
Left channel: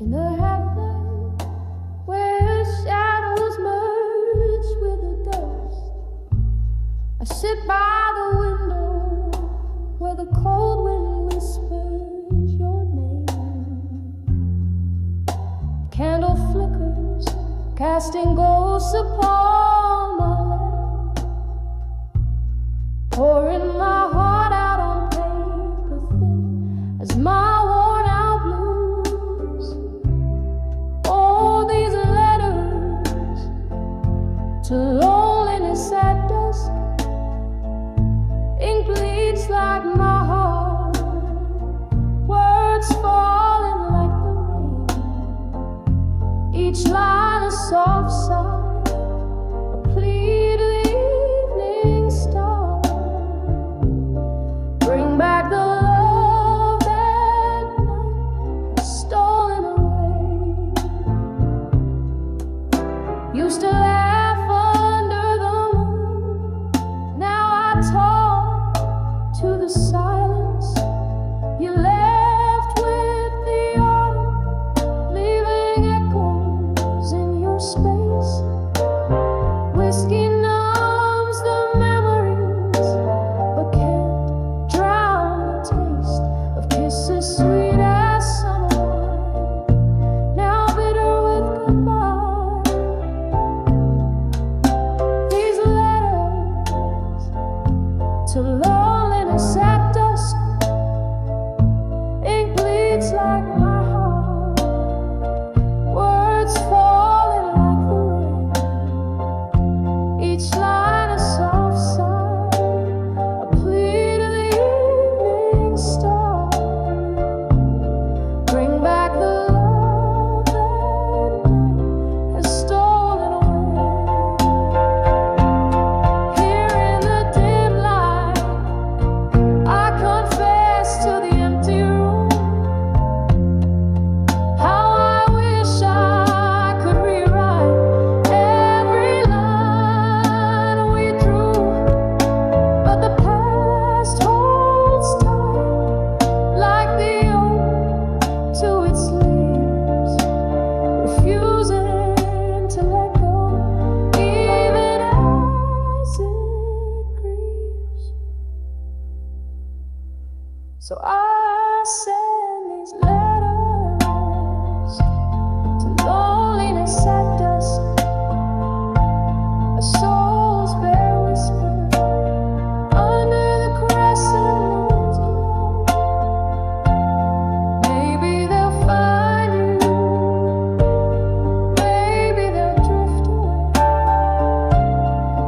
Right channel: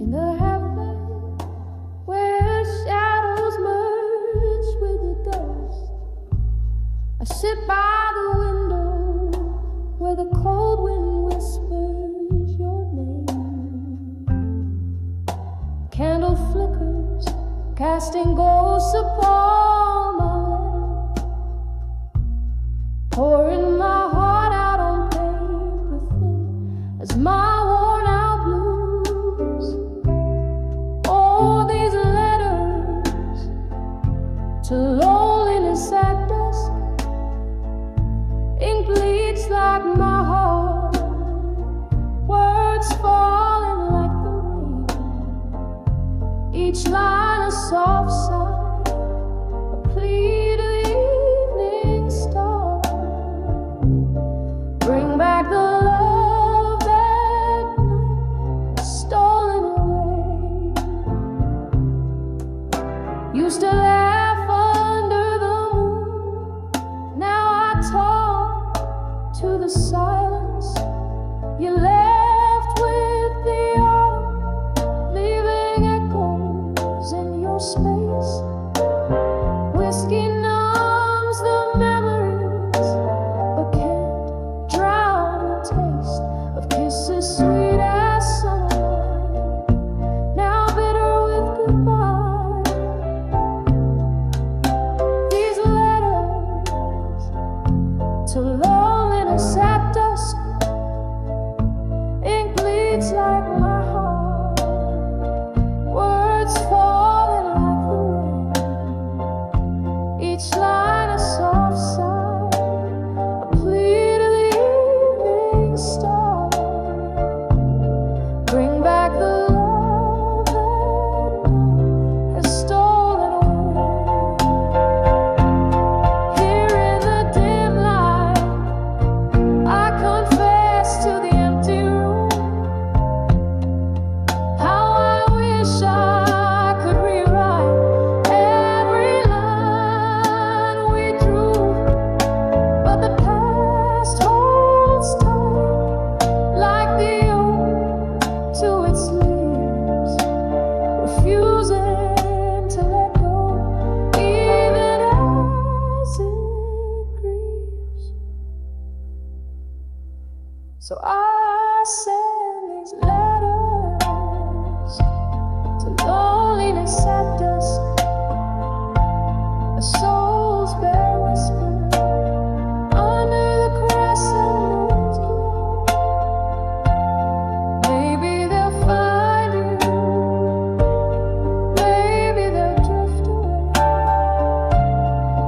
In the half-light, where shadows merge with the dust, I sit by the window where the cold wind whispers your name. Candle flickers, casting ghosts upon my letter, pouring my heart out on paper thin as my worn out blues. Oh, these letters to loneliness at dusk, ink bleeds like my heart, words fall in Each line a soft sigh, a plea to the evening star. Bring back the love that night has stolen away. Used to laugh under the moon, now I talk to the silence. You left with the autumn, leaving echoes in your space. Whiskey numbs the memories, but can't drown the taste of kisses sweet as summer wine, now bitter with goodbye. These letters to loneliness at dusk, ink bleeds like my heart, words falling like the rain. Each line a soft sigh, a plea to the evening star. Bring back the love that night has stolen away. Here in the dim light, I confess to the empty room how I wish I could rewrite every line we drew, but the past holds tight like the oak to its leaves, refusing to let go even as it grieves. So I send these letters to loneliness at dusk, a soul's bare whisper under the crescent moon's glow. Maybe they'll find you, maybe they'll drift away,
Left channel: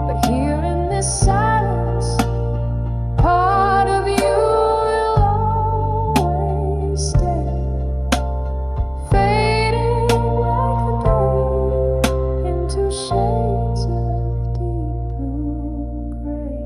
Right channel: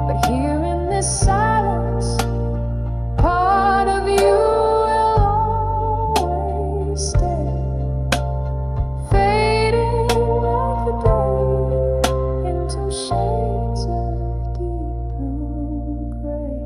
but here in this silence, part of you will always stay, fading like the day into shades of deep blue gray.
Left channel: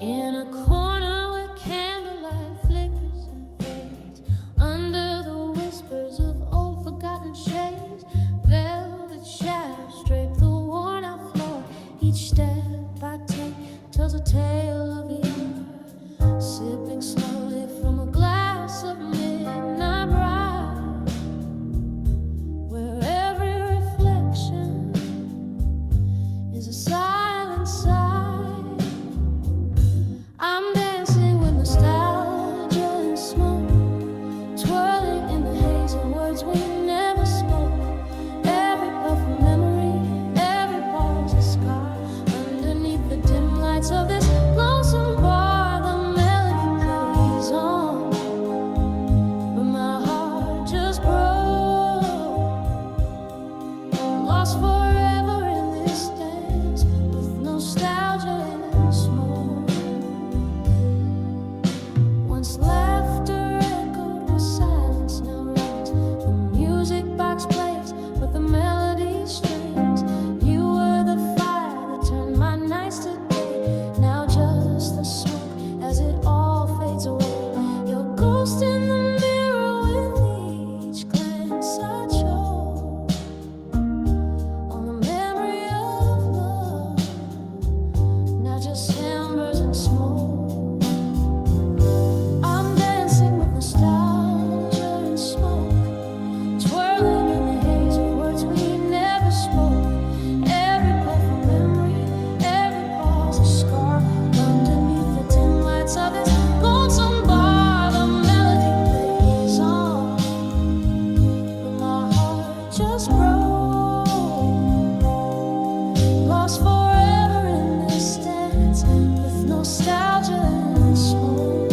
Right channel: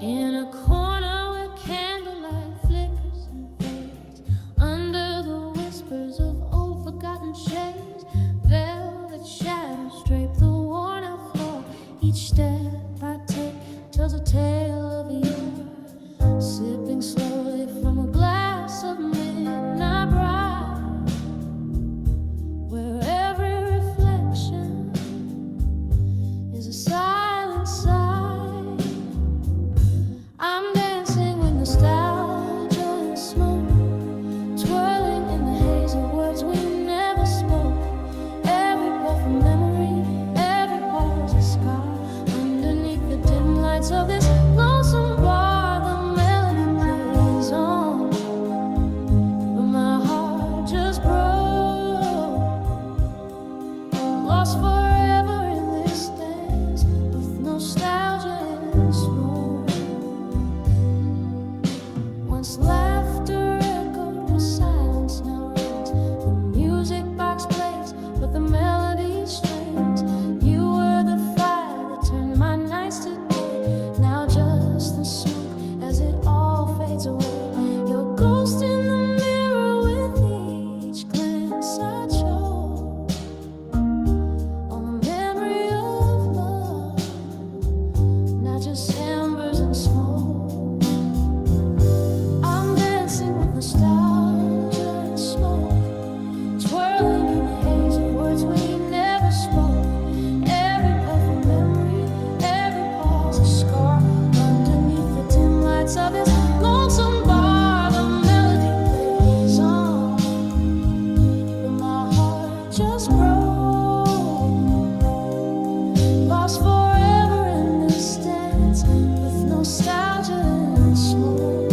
In a corner where candlelight flickers and fades, under the whispers of old forgotten shades, velvet shadows drape the worn out floor. Each step I take tells a tale of yore, sipping slowly from a glass of midnight bride, where every reflection is a silent sigh. I'm dancing with nostalgia and smoke, twirling in the haze of words we never spoke. Every puff of memory, every pause a scar. Underneath the dim lights of this lonesome bar, the melody plays on, but my heart just broke. Lost forever in this dance with nostalgia and smoke. Once laughter echoed where silence now reigns. The music box plays, but the melody strains. You were the fire that turned my nights to day. Now just the smoke as it all fades away. Your ghost in the mirror with each glance I chose on the memory of love. Now just embers and smoke. I'm dancing with nostalgia and smoke, twirling in the haze of words we never spoke. Every puff of memory, every pause a scar. Underneath the dim lights of this lonesome bar, the melody plays on, but my heart just broke. Lost forever in this dance with nostalgia and smoke.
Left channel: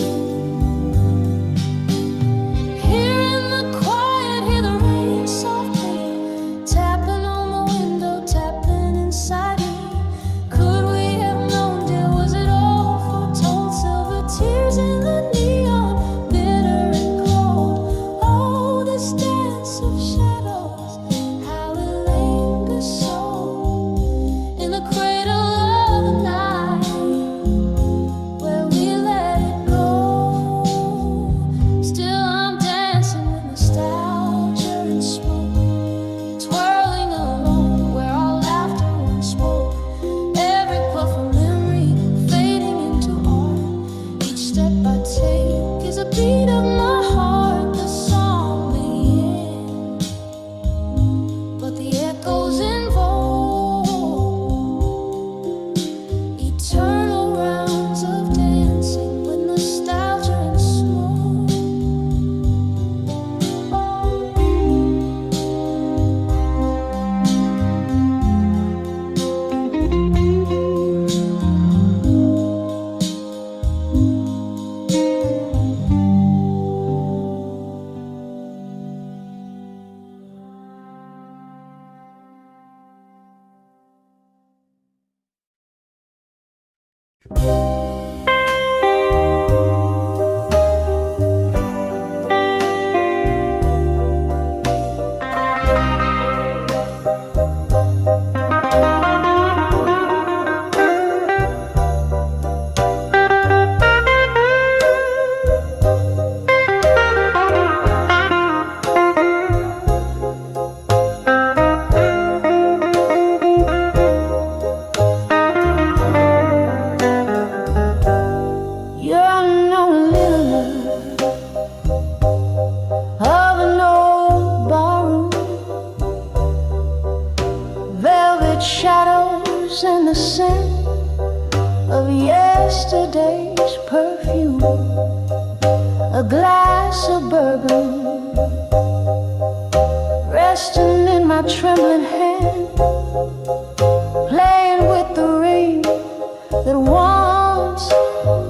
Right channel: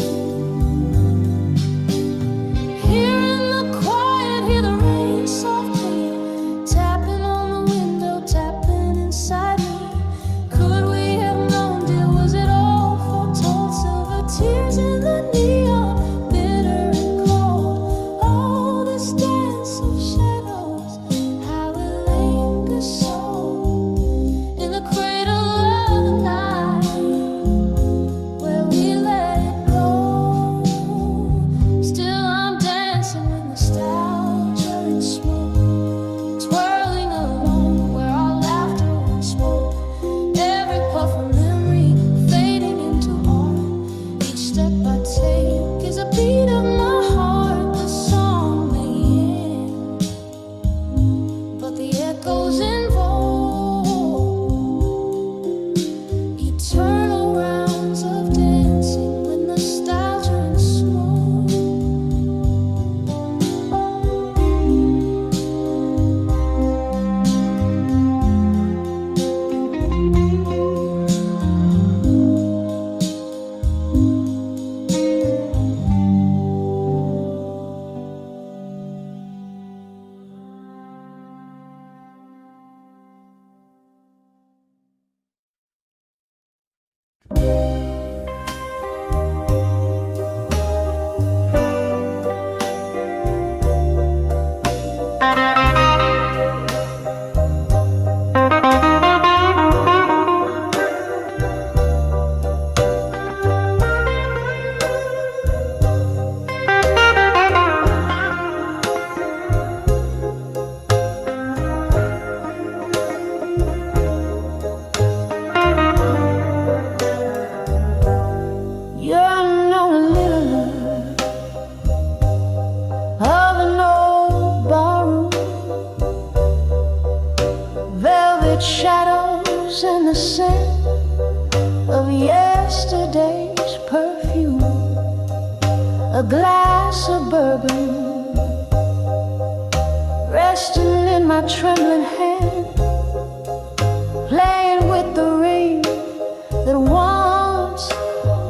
is a beat of my heart. The song may end, but the echoes involve eternal rounds of dancing with nostalgia and smoke. Shadows and the scent of yesterday's perfume, a glass of bourbon resting in my trembling hand, playing with the ring that once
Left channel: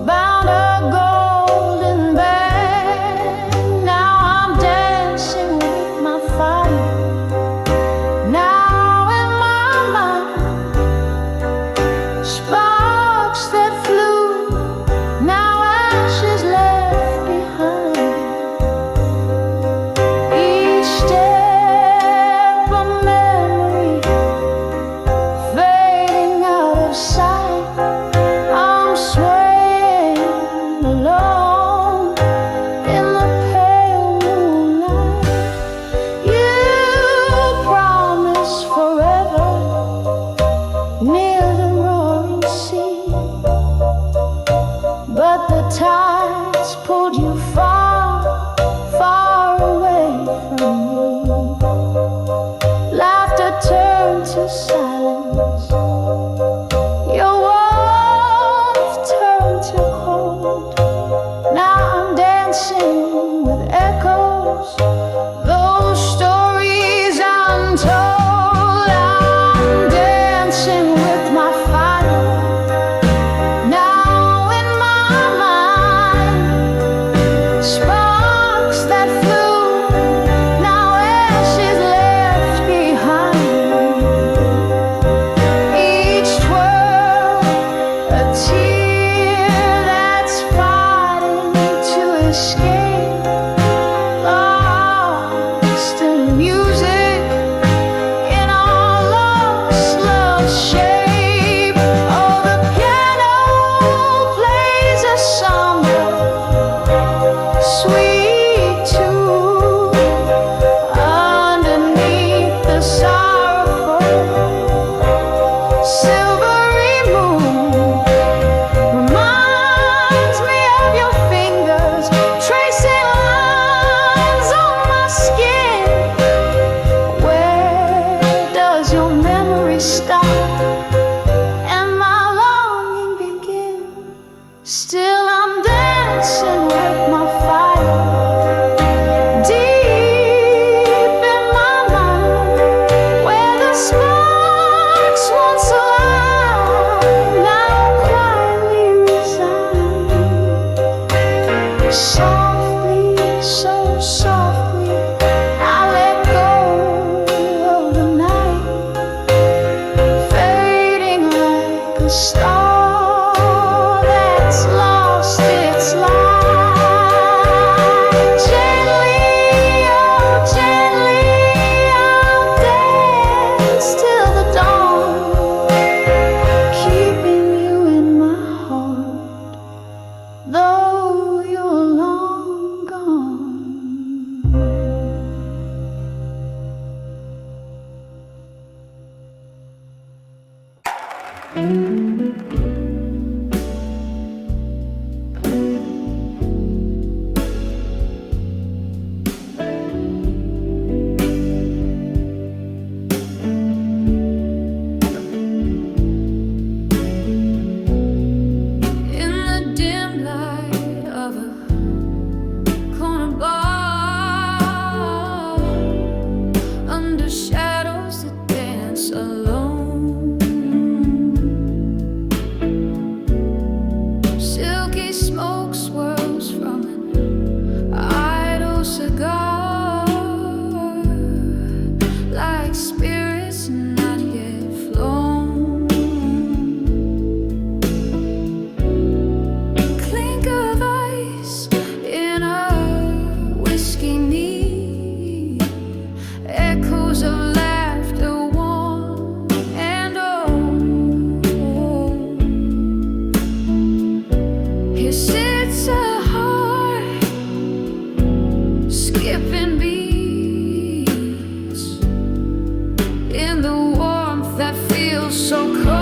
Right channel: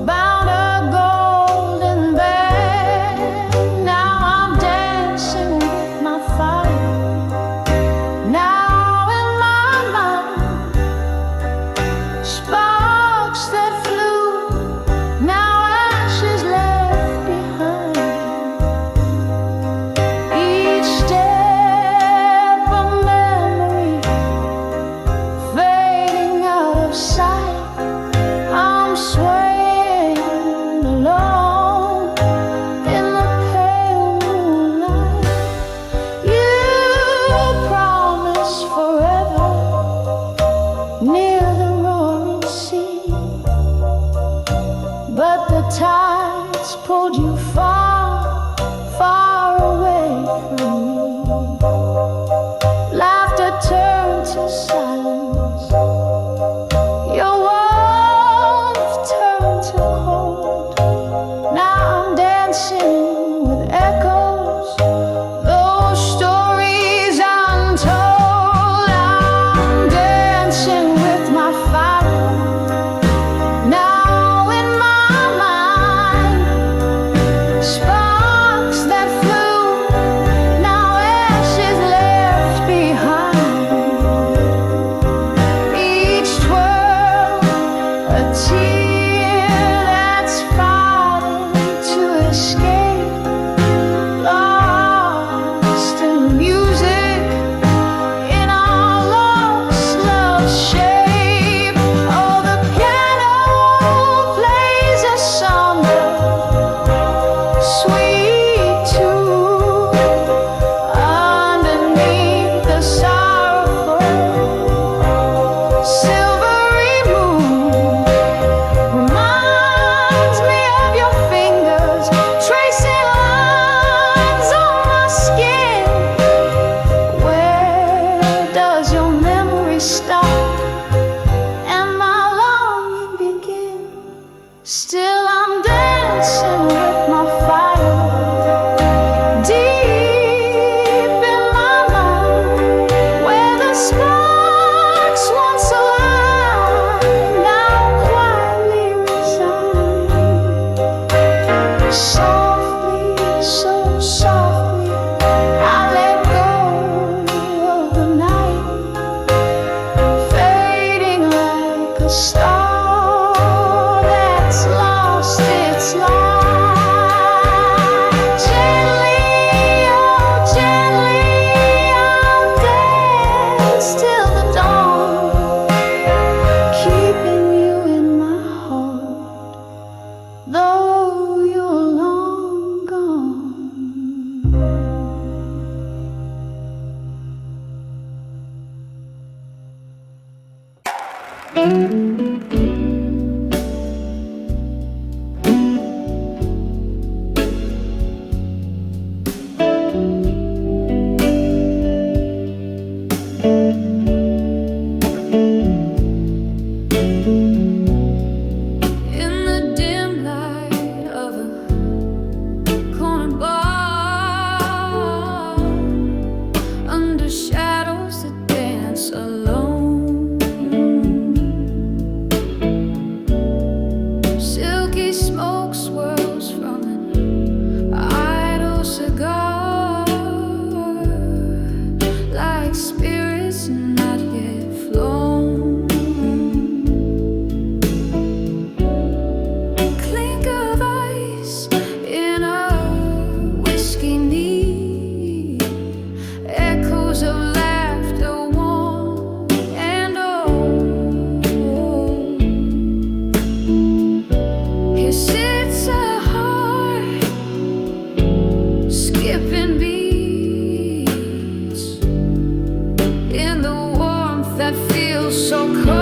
bound a golden band. Now I'm dancing with my fire. Now sparks that flew, now ashes left behind. Each step a memory fading out of sight. I'm swaying alone in the pale moonlight. You promised forever near the roaring sea, but the tides pulled you far, far away from me. Laughter turned to silence, your warmth turned to cold. Now I'm dancing with echoes, those stories untold. I'm dancing with my fire. Now in my mind, sparks that flew, now ashes left behind. Each twirl a tear that's fighting to escape, lost in music in our lost love shape. Oh, the piano plays a somber, sweet tune underneath the sorrowful silvery moon. Reminds me of your fingers tracing lines on my skin. Where does your memory stop and my longing begin? Still I'm dancing with my fire. Deep in my mind, where the sparks once alive, now quietly resigned. Softly, so softly, I let go of the night, fading like a star that's lost its light. dance alone. Silky smoke swirls from an idle cigar, like spirits not yet flown. Clink of ice in a whiskey knee, echoes of laughter one and old. Here sits a heart skipping beats in the warmth that feels so cold.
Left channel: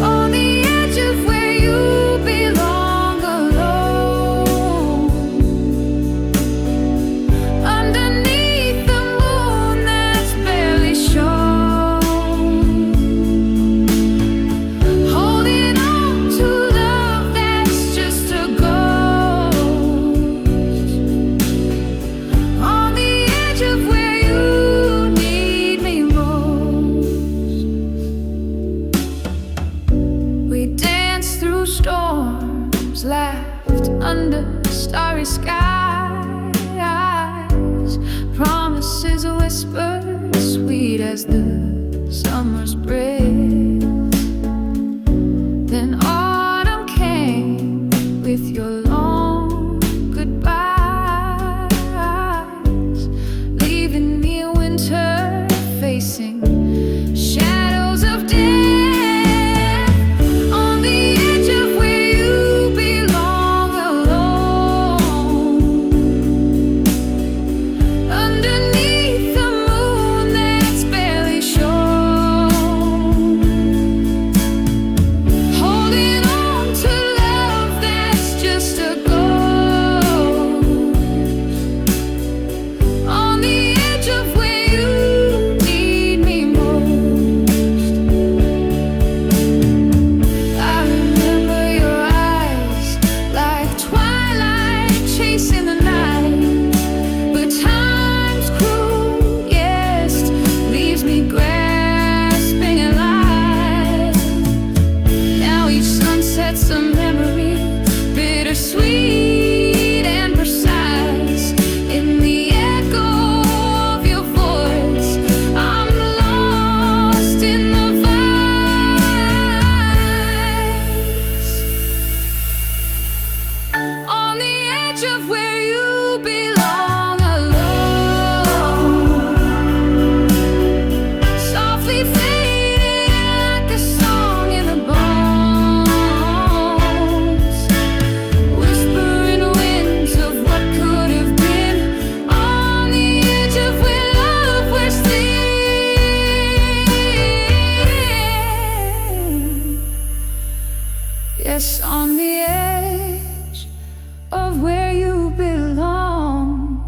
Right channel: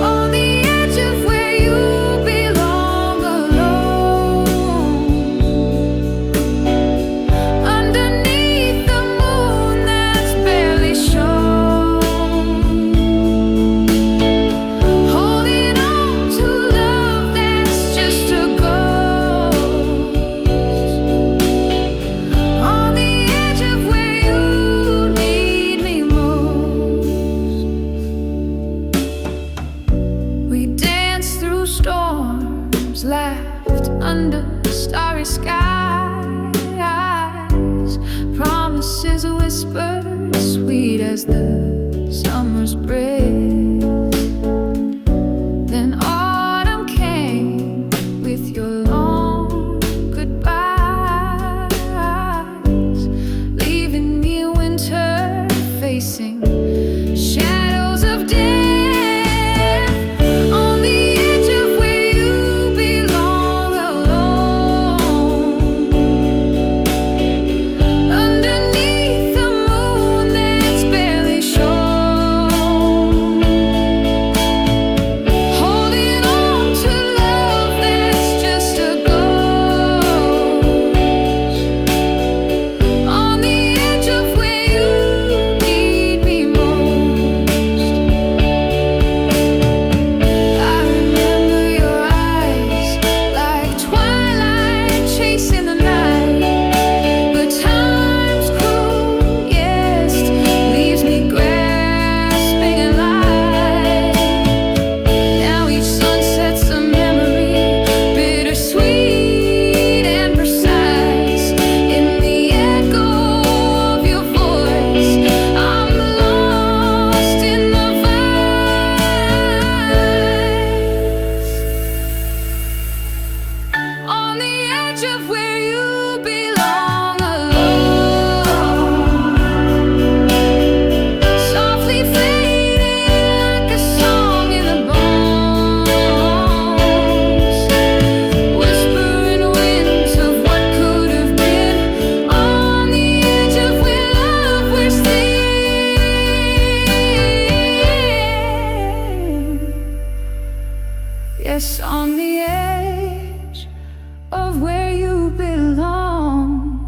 On the edge of where you belong, alone, underneath the moon that's barely shown, holding on to love that's just a ghost. On the edge of where you need me most. We danced through storms, laughed under starry skies, promises whispered sweet as the summer's breath. Then autumn came with your long goodbyes, leaving me in winter facing shadows of death. On the edge of where you belong, alone, underneath the moon that's barely shown, holding on to love that's just a ghost. On the edge of where you need me most. I remember your eyes like twilight chasing the night, but time's cruel, yes, leaves me grasping at light. Now each sunset's a memory, bittersweet and precise. In the echo of your voice, I'm lost in the vibes. On the edge of where you belong, alone, softly fading like a song in the bones, whispering winds of what could have been. On the edge of where love was thin. Yes, on the edge of where you belong,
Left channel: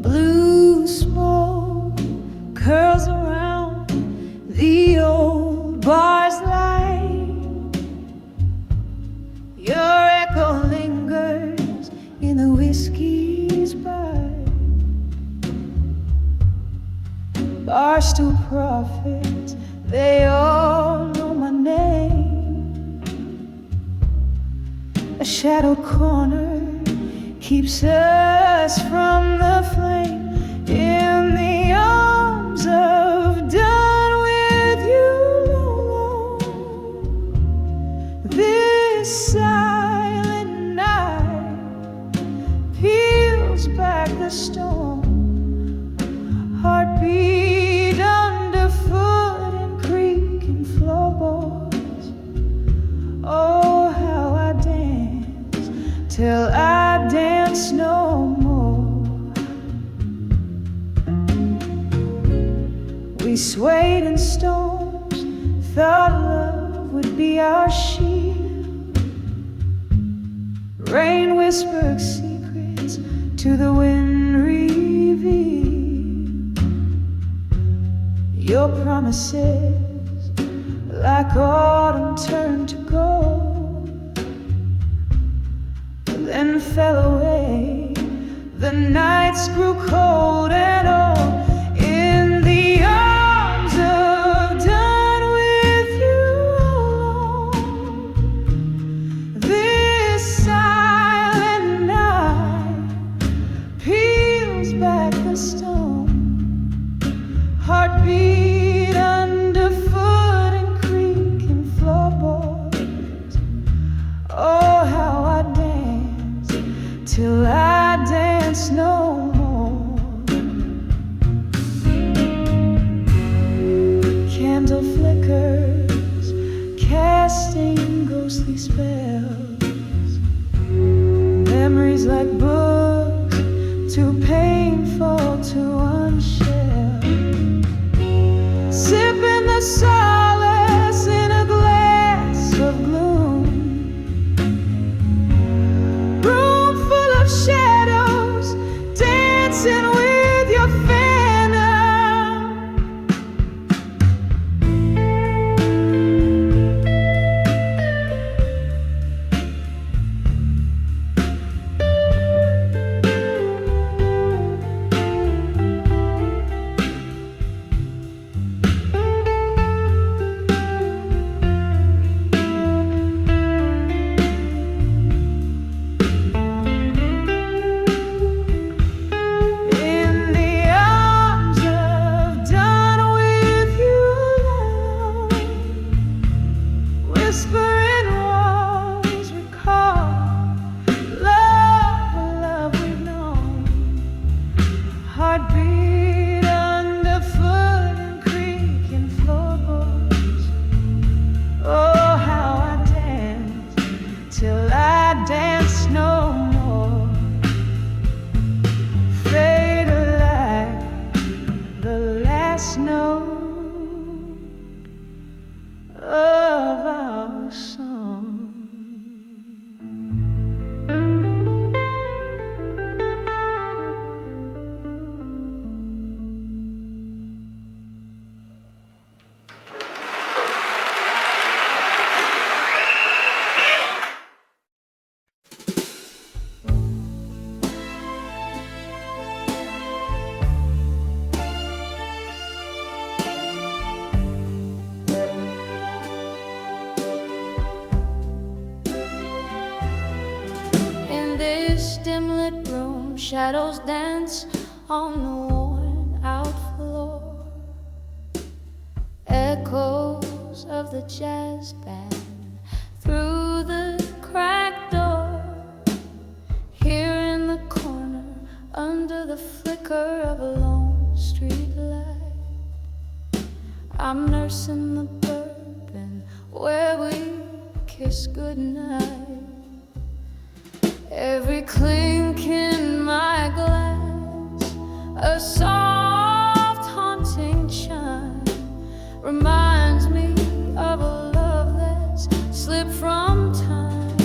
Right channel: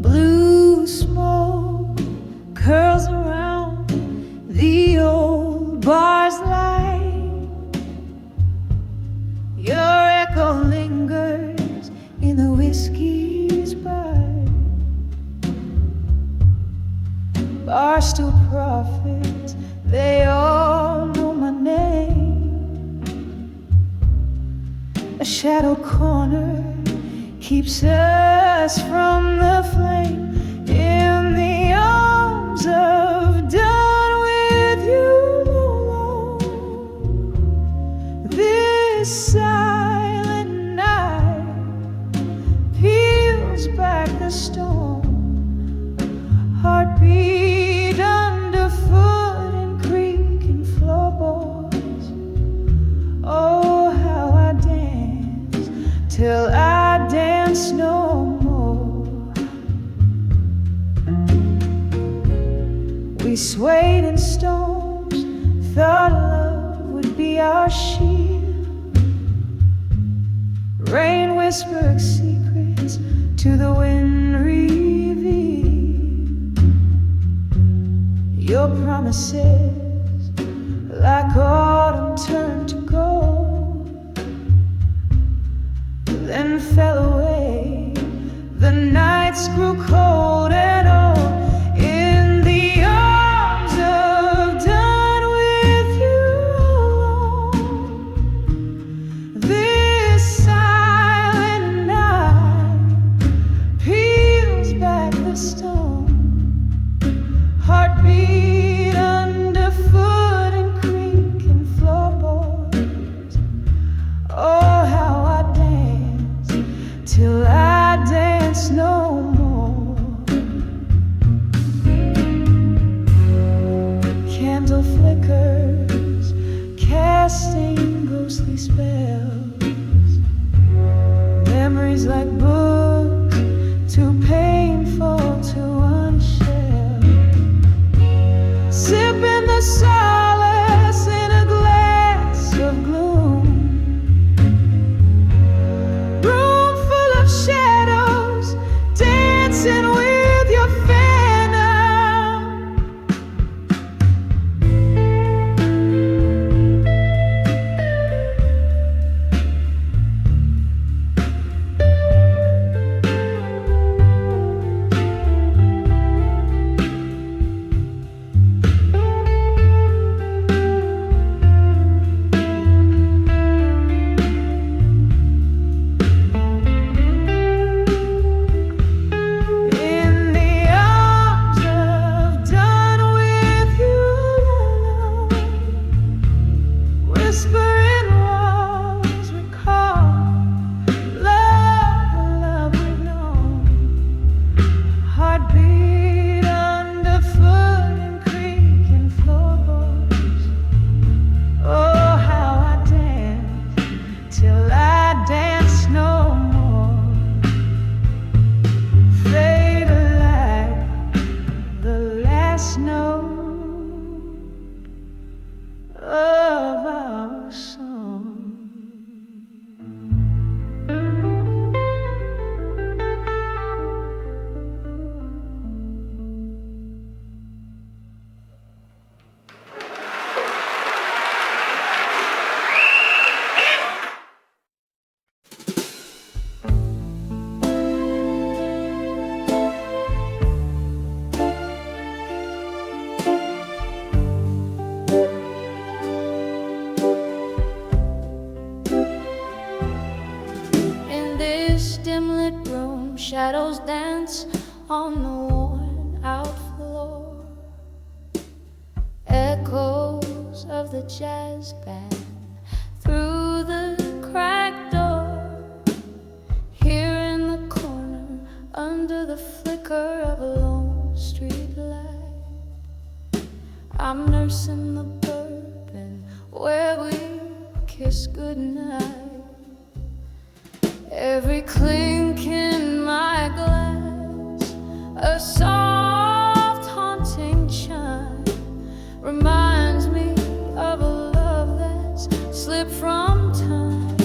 Blue smoke curls around the old bar's light. Your echo lingers in the whiskey's bite. Barstool prophets, they all know my name. A shadowed corner keeps us from the flame. In the arms of done with you alone, this silent night peels back the stone. Heartbeat underfoot and creaking floorboards. Oh, how I dance till I dance no more. swayed in storms, thought love would be our shield. Rain whispered secrets to the wind revealed. Your promises, like autumn, turned to gold, then fell away. The nights grew cold and old. In the arms of done with you alone, this silent night peels back the stone. Heartbeat underfoot and creaking floorboards. Oh, how I dance till I dance no more. Candle flickers, casting ghostly spells. Memories like books, too painful to unshell. Sipping the solace in a glass of gloom. Room full of shadows, dancing with your phantom. Whispering walls recall love, the love we've known. Heartbeat underfoot and creaking floorboards. Oh, how I dance till I dance no more. Fade like the last note of our song. Dim-lit room, shadows dance on the worn-out floor. Echoes of the jazz band through the cracked door. Here in the corner, under the flicker of a lone street light, I'm nursing the bourbon where we kiss goodnight. Every clink in my glass, a soft haunting chime, reminds me of a love that's slipped from time.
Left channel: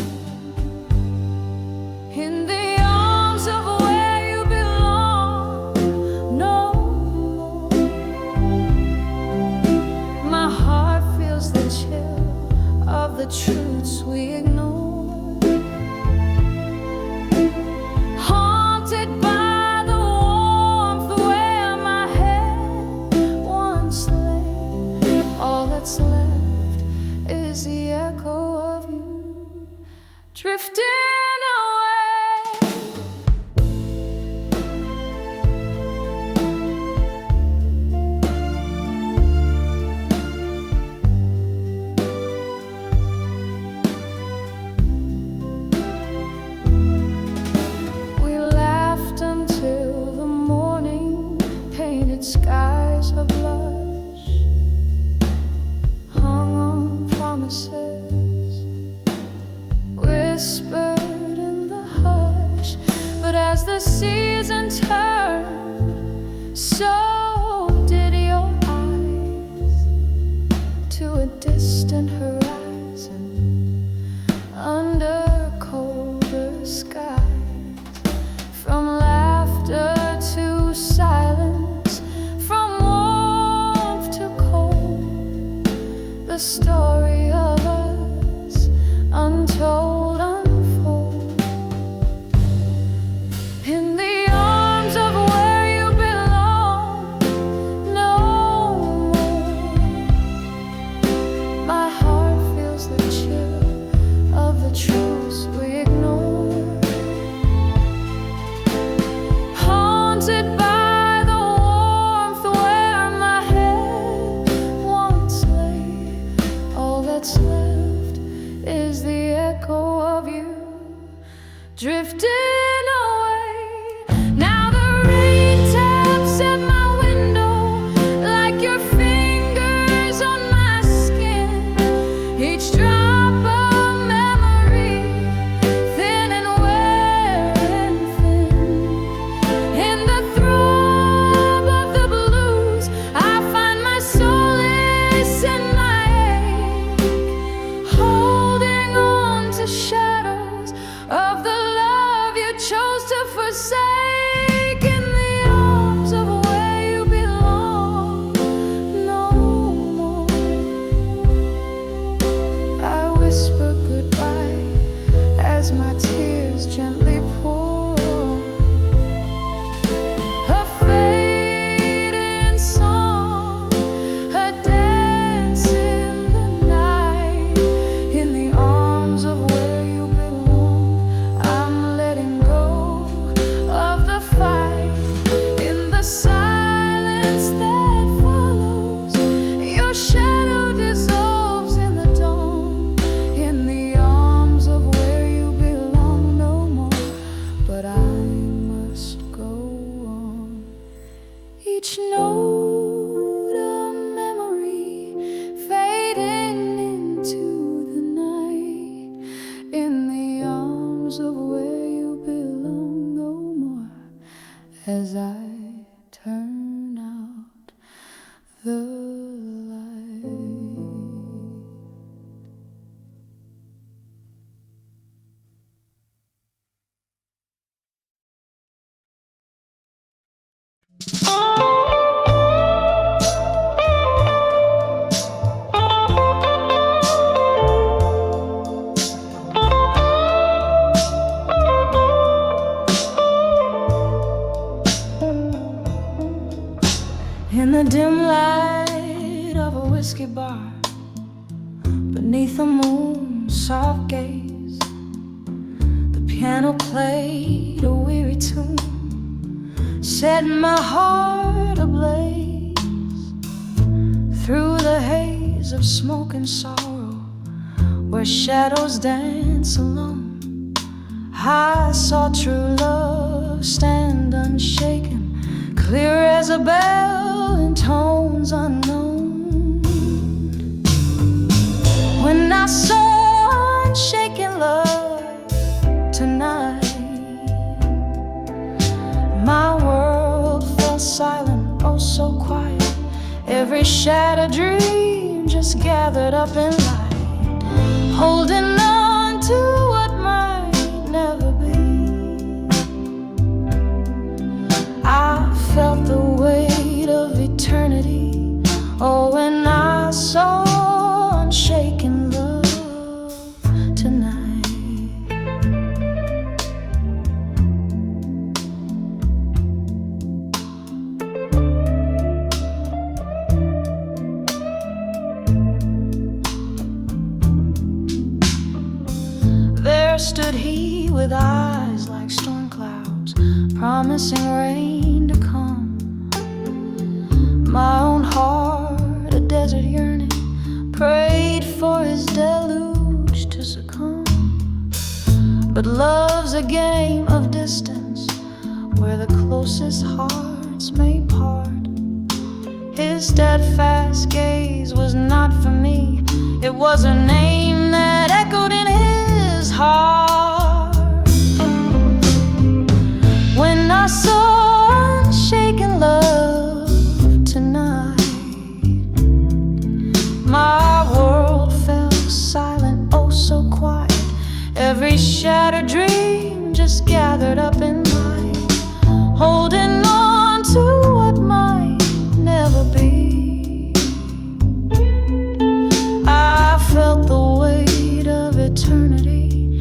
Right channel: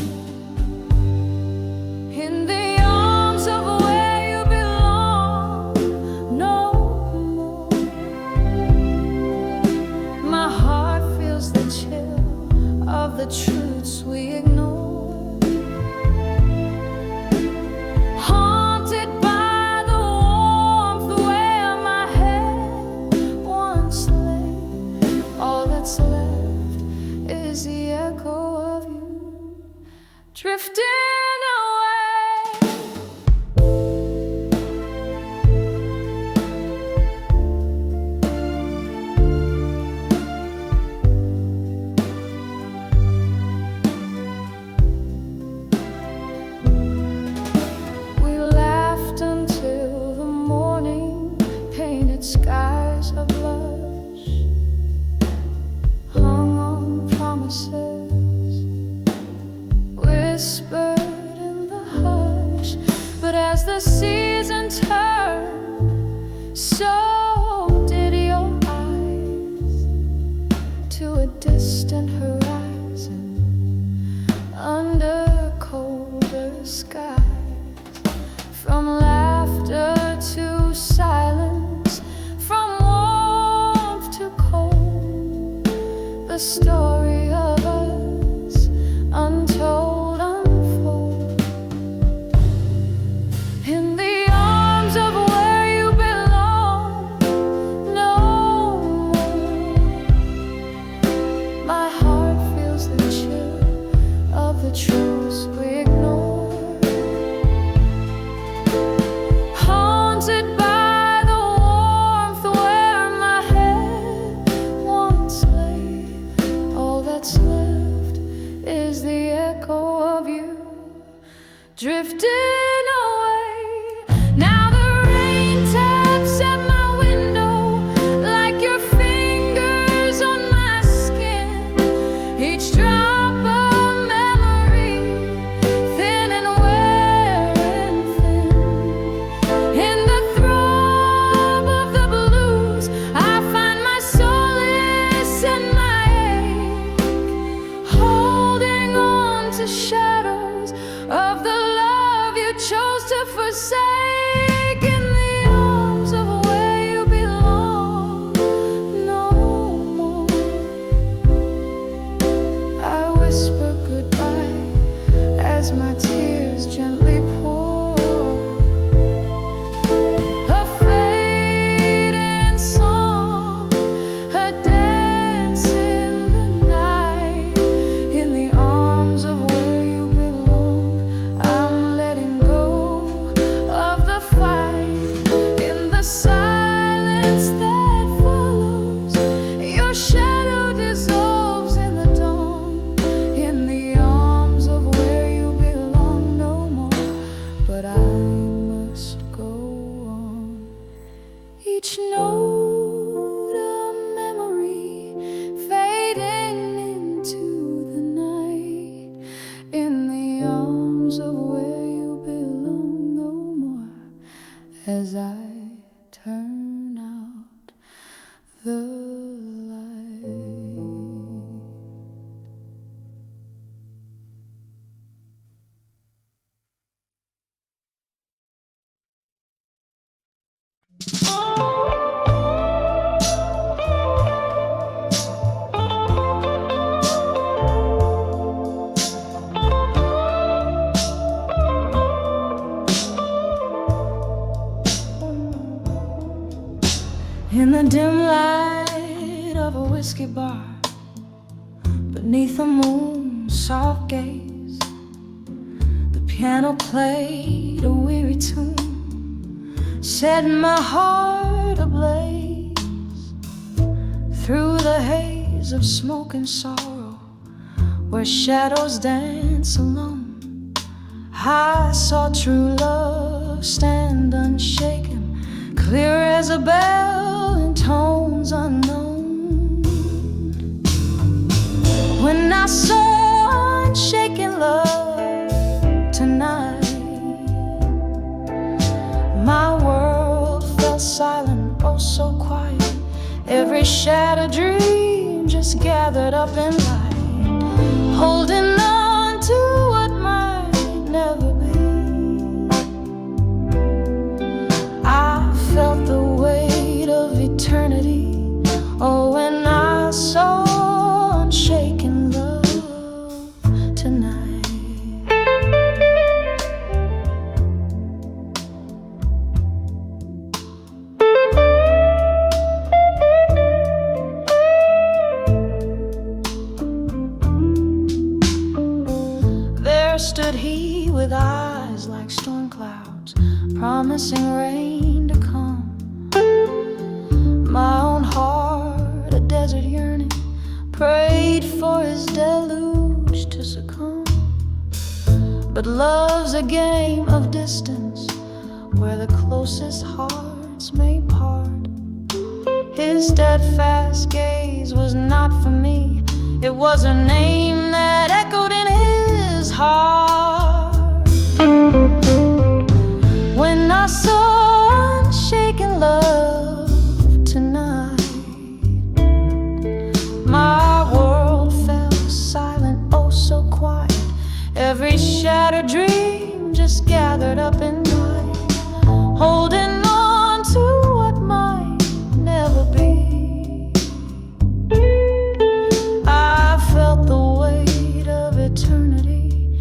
In the arms of where you belong, no more. My heart feels the chill of the truths we ignore. What's left is the echo of you drifting away. We laughed until the morning painted skies of blush, hung on promises, whispered in the hush. But as the season turned, so did your eyes. to a distant horizon under colder skies. From laughter to silence, from warmth to cold, the story of us untold unfold. In the arms of where you belong, no more. My heart feels the chill of the truths we ignore. Haunted by the warmth where my head once lay, all that's left is the echo of you drifting away. Now the rain taps at my window like your fingers on my skin. Each drop of memory, thin and wearing thin. In the throb of the blues, I find my solace and my ache, holding on to shadows of the love you chose to forsake. In the arms of where you belong, no more. I whisper goodbye as my tears gently pour. A fading song, a dance in the night. In the arms of where you belong, I'm letting go of the fight. In the silence that follows, your shadow dissolves in the dawn. In the arms of where you belong, no more. But I must go on. Each note a memory fading into the night. In the arms of where you belong, no more. As I turn out the light. In the dim light of a whiskey bar, beneath the moon's soft gaze, the piano played a weary tune, setting my heart ablaze. Through the haze of smoke and sorrow, where shadows dance alone, I saw true love stand unshaken, clear as a bell in tones unknown. When I saw unshaken love tonight, my world fell silent, oh so quiet. Every shattered dream just gathered up in light, holding on to what might never be. I felt the weight of eternity, oh, when I saw unshaken love tonight. There stood he with eyes like storm clouds, promising rain to come. My own heart, a desert yearning, prayed for his deluge to succumb. But love's a game of distance, where the closest hearts may part. His steadfast gaze was not for me, it was a name that echoed in his heart. When I saw unshaken love tonight, my every shattered dream just gathered up in mine, holding on to what might never be. I felt the weight of eternity,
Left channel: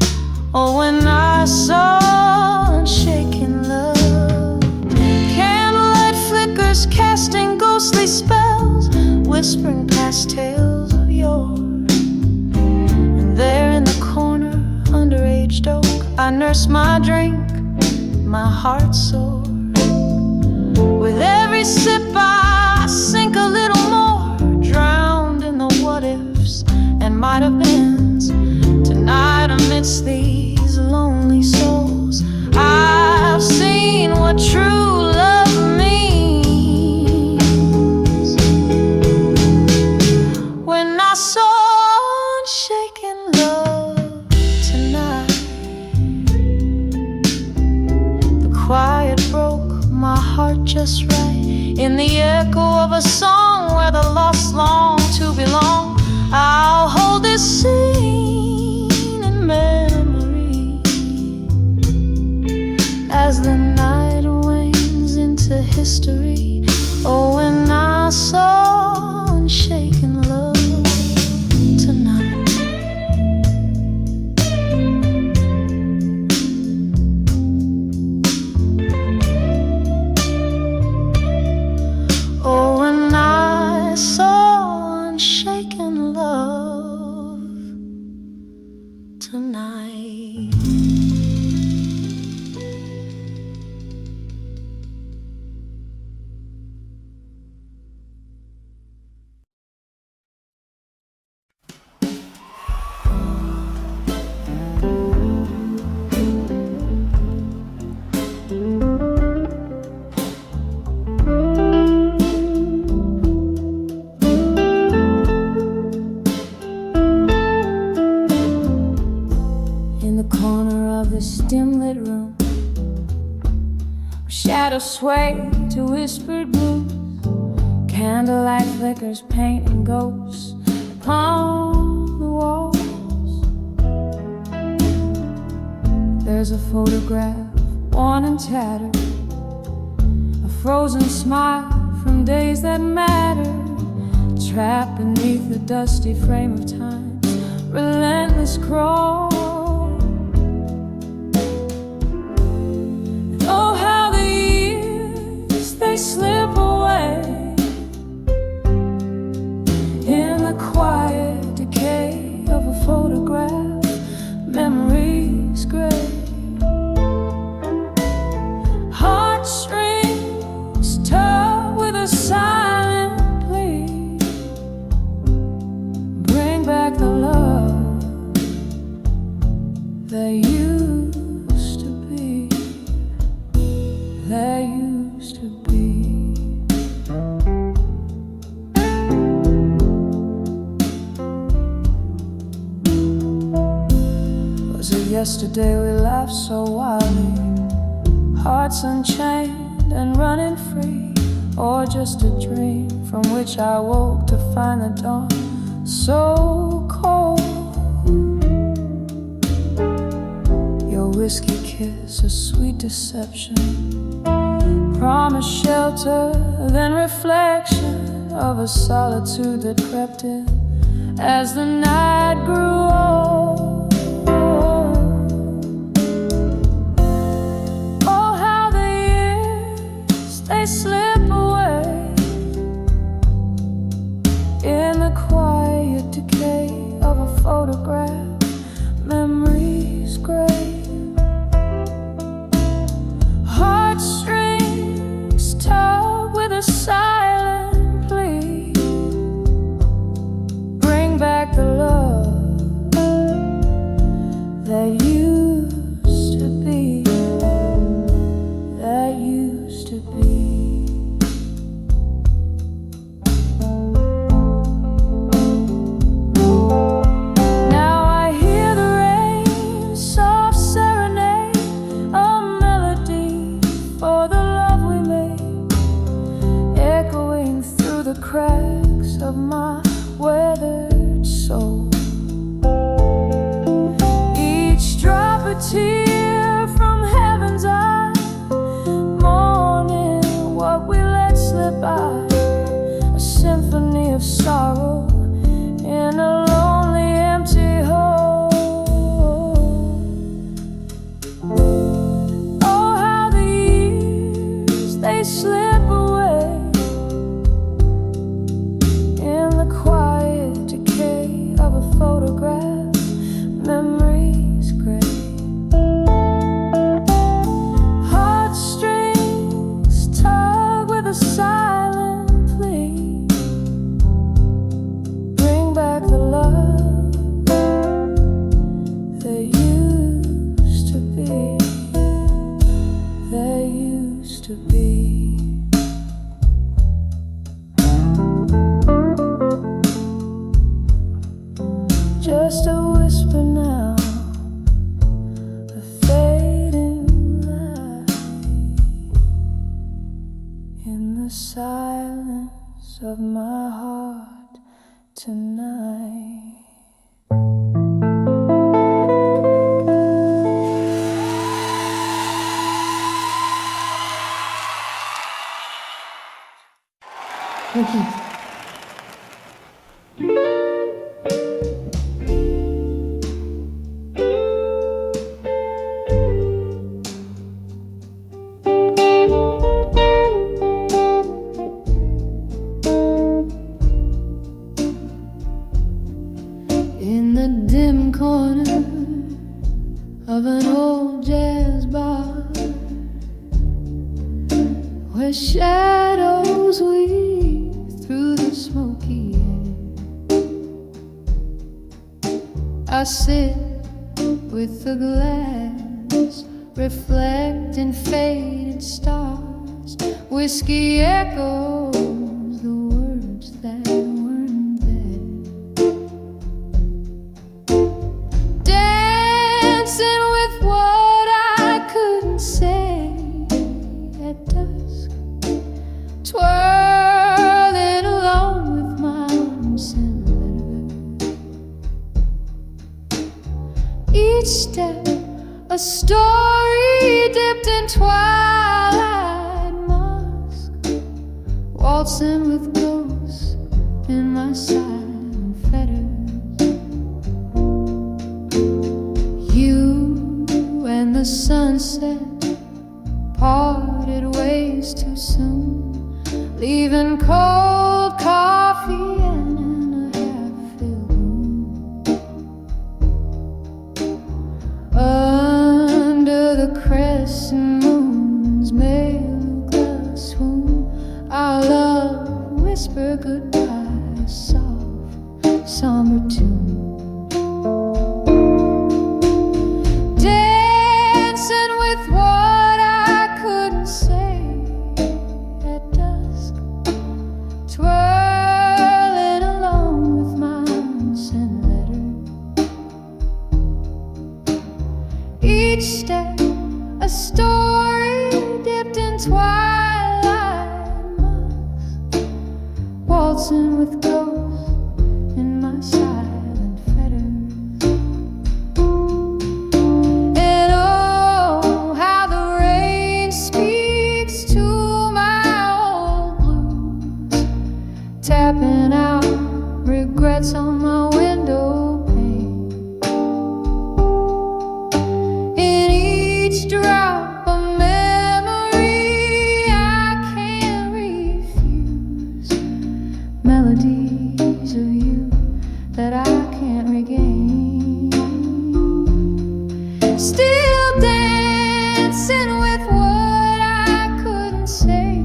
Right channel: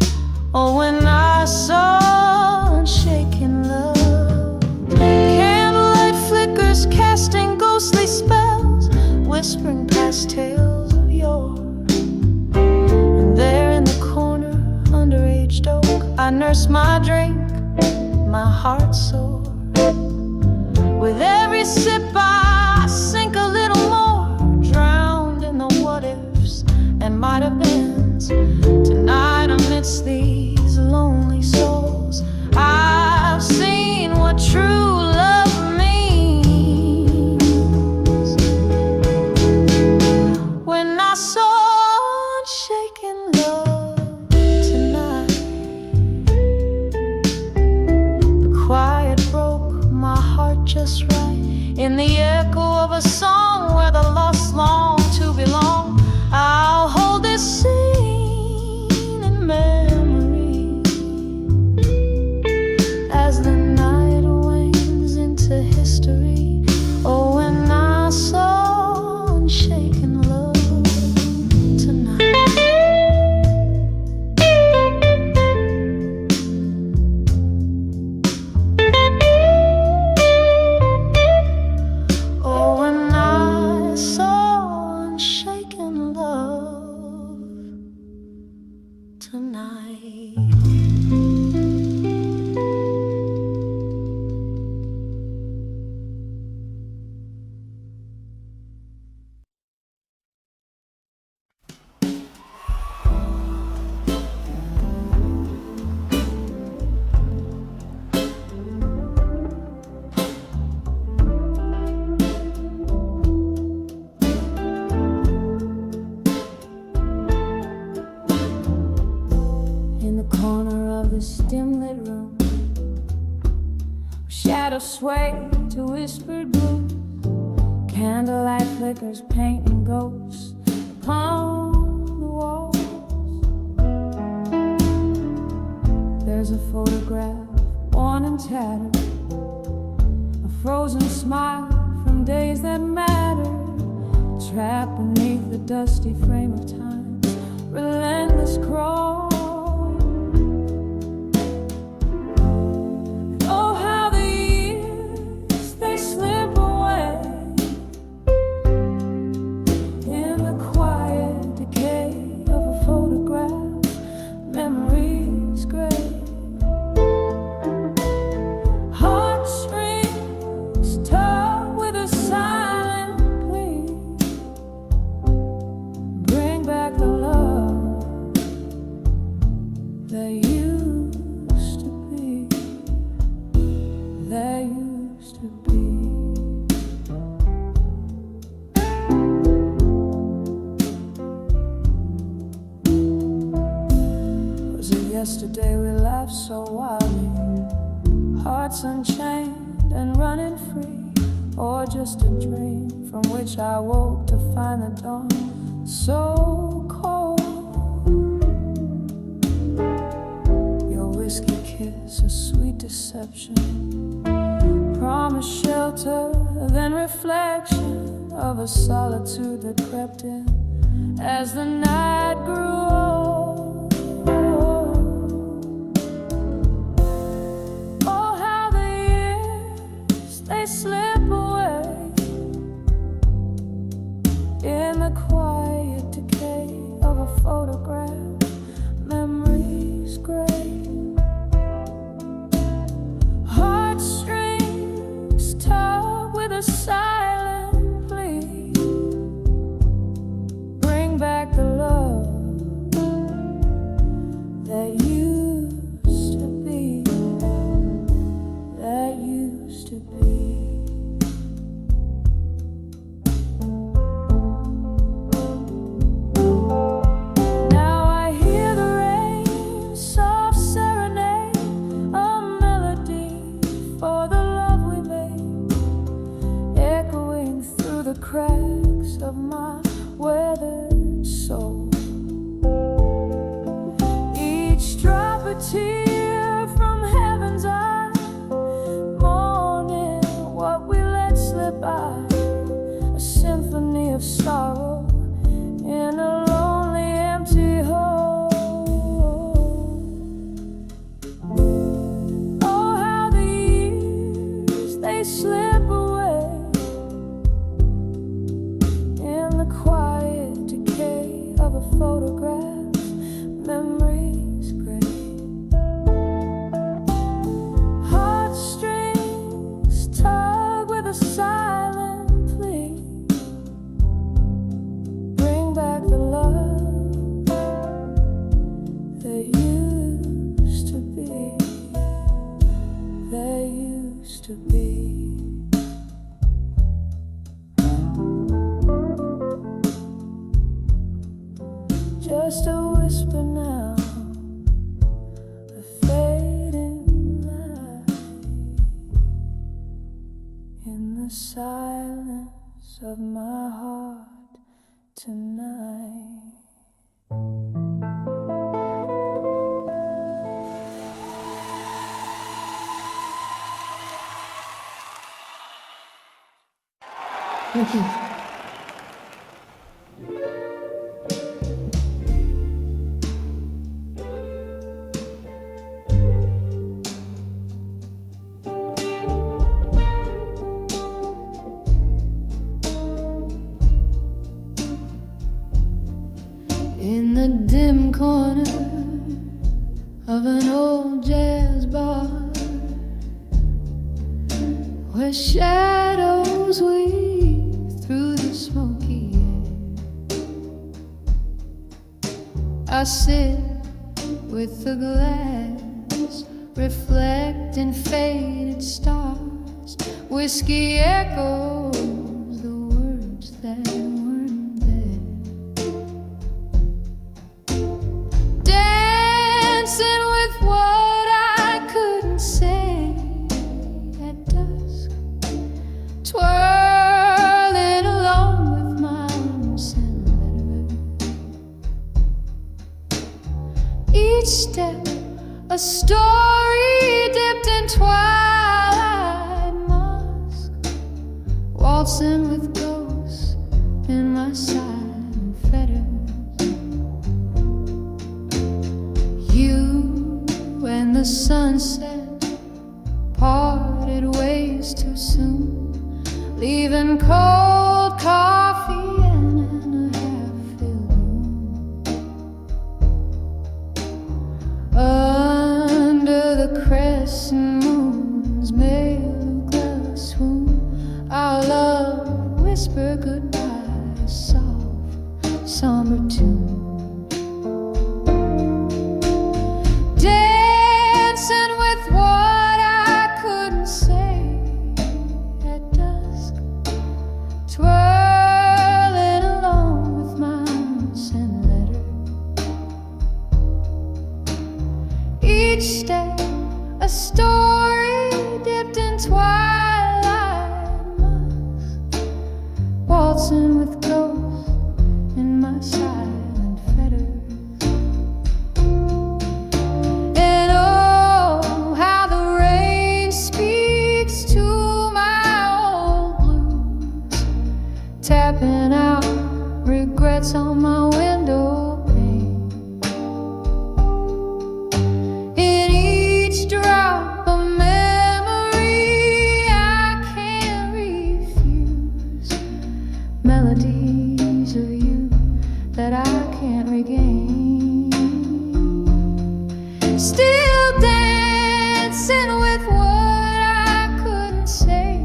oh, when I saw unshaken love. Candlelight flickers casting ghostly spells, whispering past tales of yore. And there in the corner, under aged oak, I nurse my drink, my heart sore. With every sip I sink a little more, drowned in the what-ifs and might-have-beens. Tonight amidst these lonely souls, I've seen what true love means. When I saw unshaken love tonight, the quiet broke my heart just right, in the echo of a song where the lost long to belong. I'll hold this scene in memory as the night wanes into history. Oh, when I saw unshaken love tonight. Oh, when I saw unshaken love tonight. In the corner of this dim-lit room, where shadows sway to whispered blues, candlelight flickers painting ghosts upon the walls. There's a photograph, worn and tattered, a frozen smile from days that mattered, trapped beneath the dusty frame of time's relentless crawl. Oh, how the years, they slip away in the quiet decay of a photograph, memories gray. Heartstrings tug with a silent plea, bring back the love that used to be. There used to be. Was it yesterday we laughed so wildly, hearts unchained and running free? Or just a dream from which I woke to find the dawn so cold? Your whiskey kiss, a sweet deception, promise shelter, then reflection of a solitude that crept in as the night grew old. Oh, how the years, they slip away in the quiet decay of a photograph, memories gray. Heartstrings tug with a silent plea, bring back the love that used to be, that used to be. Now I hear the rain, soft serenade, a melody for the love we made, echoing through the cracks of my weathered soul. Each photograph, memories gray. Heartstrings tug with a silent plea. Bring back the love that used to be, that used to be. Just a whisper now, a fading light in the silence of my heart tonight. In the dim corner of an old jazz bar, where shadows weave through the smoky air, I sit with the glass, reflecting faded stars. Whiskey echoes the words that weren't there. Dancing with what I couldn't say at dusk, twirling along with my unsent letter. Each step a story dipped in twilight musk, waltzing with ghosts in my silent fetters. You and the sunset parted ways too soon, leaving cold coffee in a half-filled room. Under the crescent moon's Meluka swoon, our love whispered goodbye, a soft, somber tune. Dancing with what I couldn't say at dusk, twirling along with my unsent letter. Each step a story dipped in twilight musk, waltzing with ghosts in my silent fetters. And oh, how the rain speaks to my old blues, tapping out regrets on my window pane. In each drop of memory I can't refuse, melodies of you that I can't regain. Still dancing with what I couldn't say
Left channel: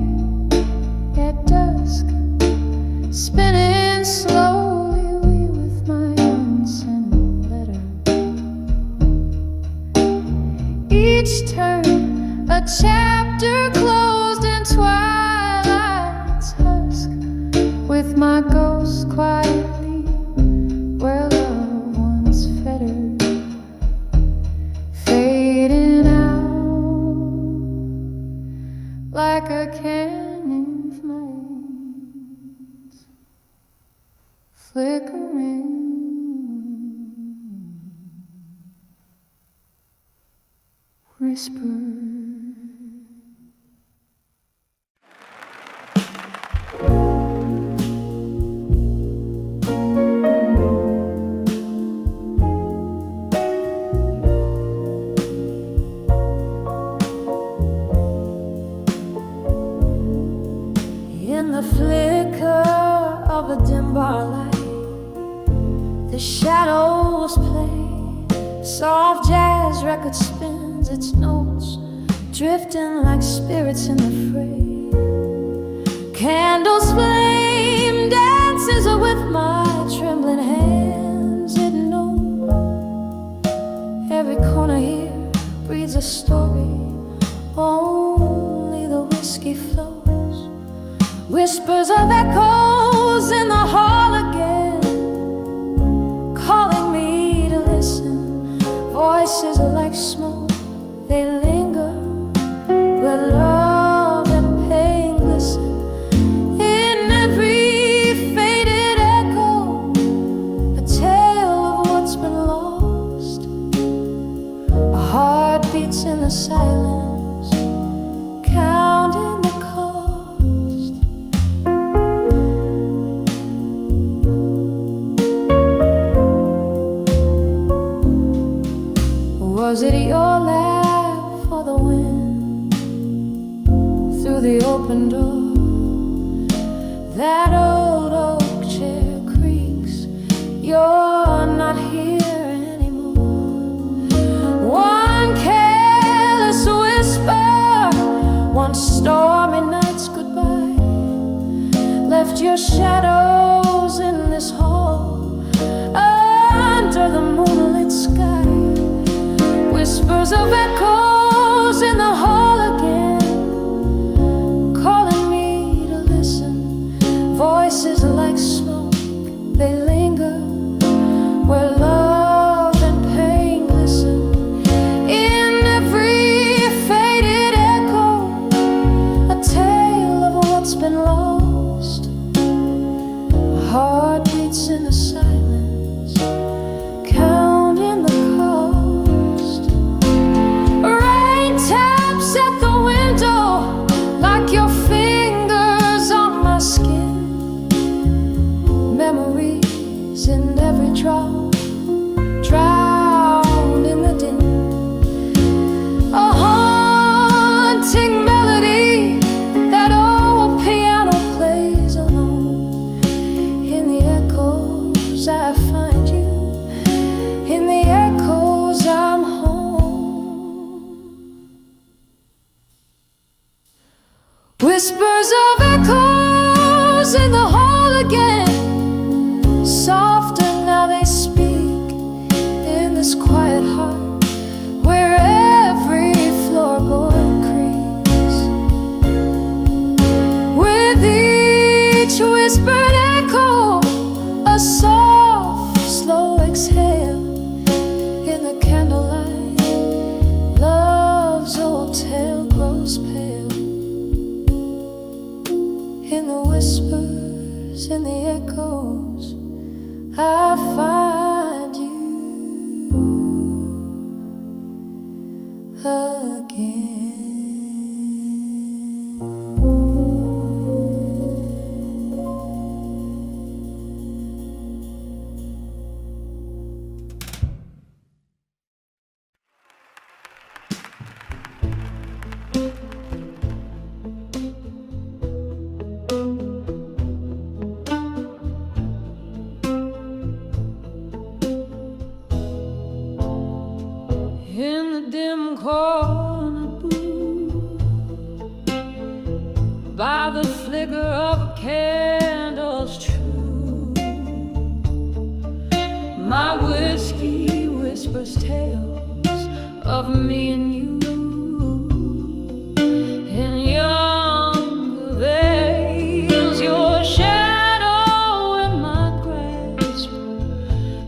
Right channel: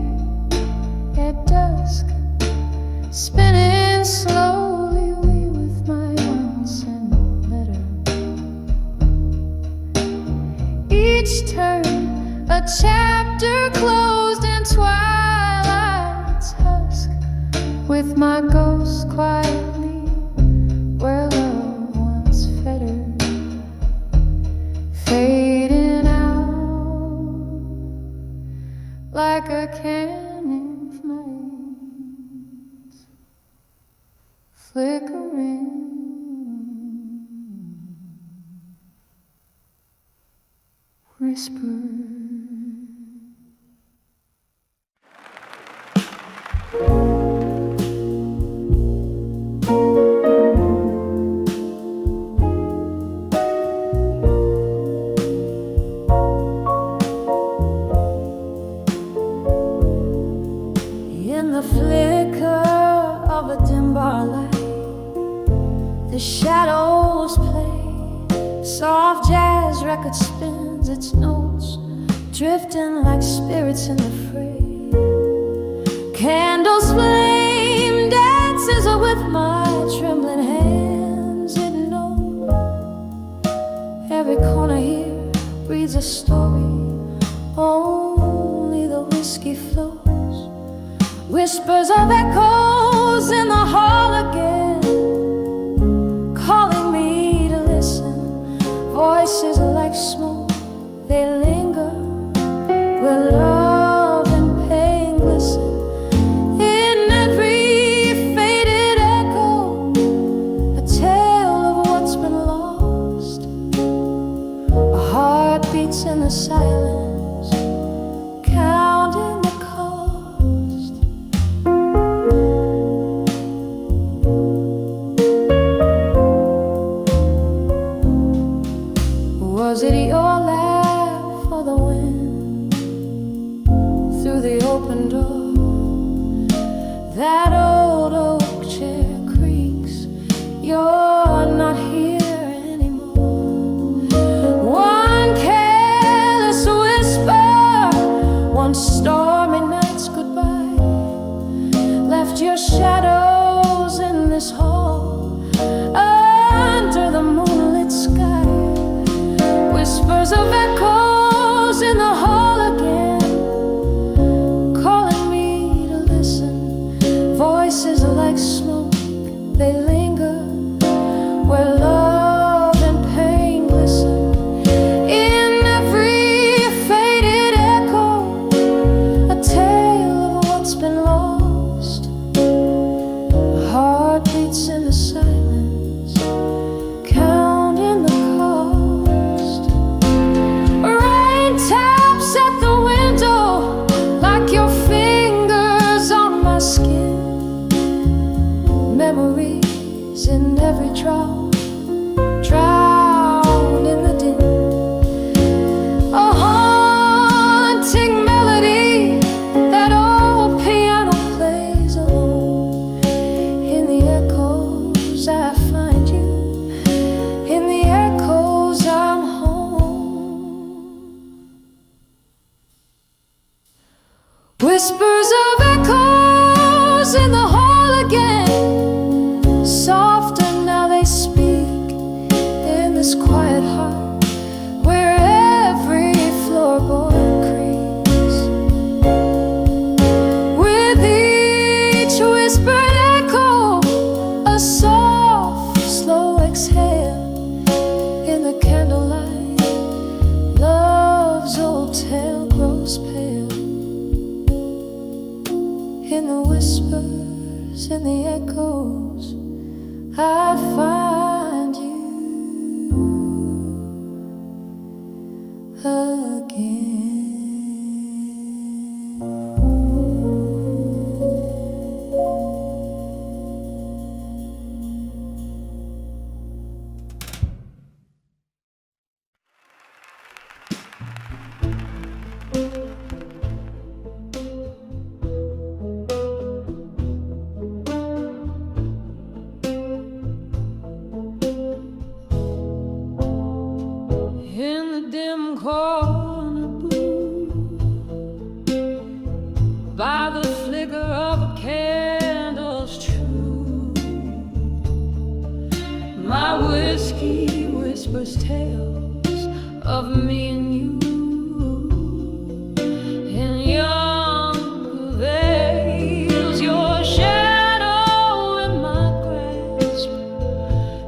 at dusk, spinning slowly away with my unsent letter. Each turn a chapter closed in twilight's husk, with my ghost quietly where love once fettered, fading out like a canyon flames, flickering, whisper. In the flicker of a dim bar light, The shadows play, soft jazz record spins its notes, drifting like spirits in the fray. Candles flame, dances with my trembling hands. It knows every corner here breathes a story. Only the whiskey flows, whispers of echoes in the hall again, calling me to listen. Voices like smoke, they linger where love and pain glisten. In every faded echo, a tale of what's been lost. A heart beats in the silence, counting the cost. Was it your laugh or the wind through the open door? That old oak chair creaks, you're not here anymore. One careless whisper, one stormy night's goodbye, left your shadows in this hall under the moonlit sky. Whispers of echoes in the hall again, calling me to listen. Voices like smoke, they linger where love and pain glisten. In every faded echo, a tale of what's been lost. A heart beats in the silence, counting the cost. Rain taps at the window like your fingers on my skin. Memories in every drop, drowned in the din. A haunting melody, that old piano plays alone. In the echoes I find you, in the echoes I'm home. Whispers of echoes in the hall again, softer now they speak in this quiet heart where every floorboard creaks. With each whispered echo, a soft, slow exhale. In the candlelight, love's old tale grows pale. In the whispers, in the echoes, I find you again. In the dim corner booth, by the flicker of a candle's true, my whiskey whispers tales of me and you. In younger veils, your shadow in my grasp.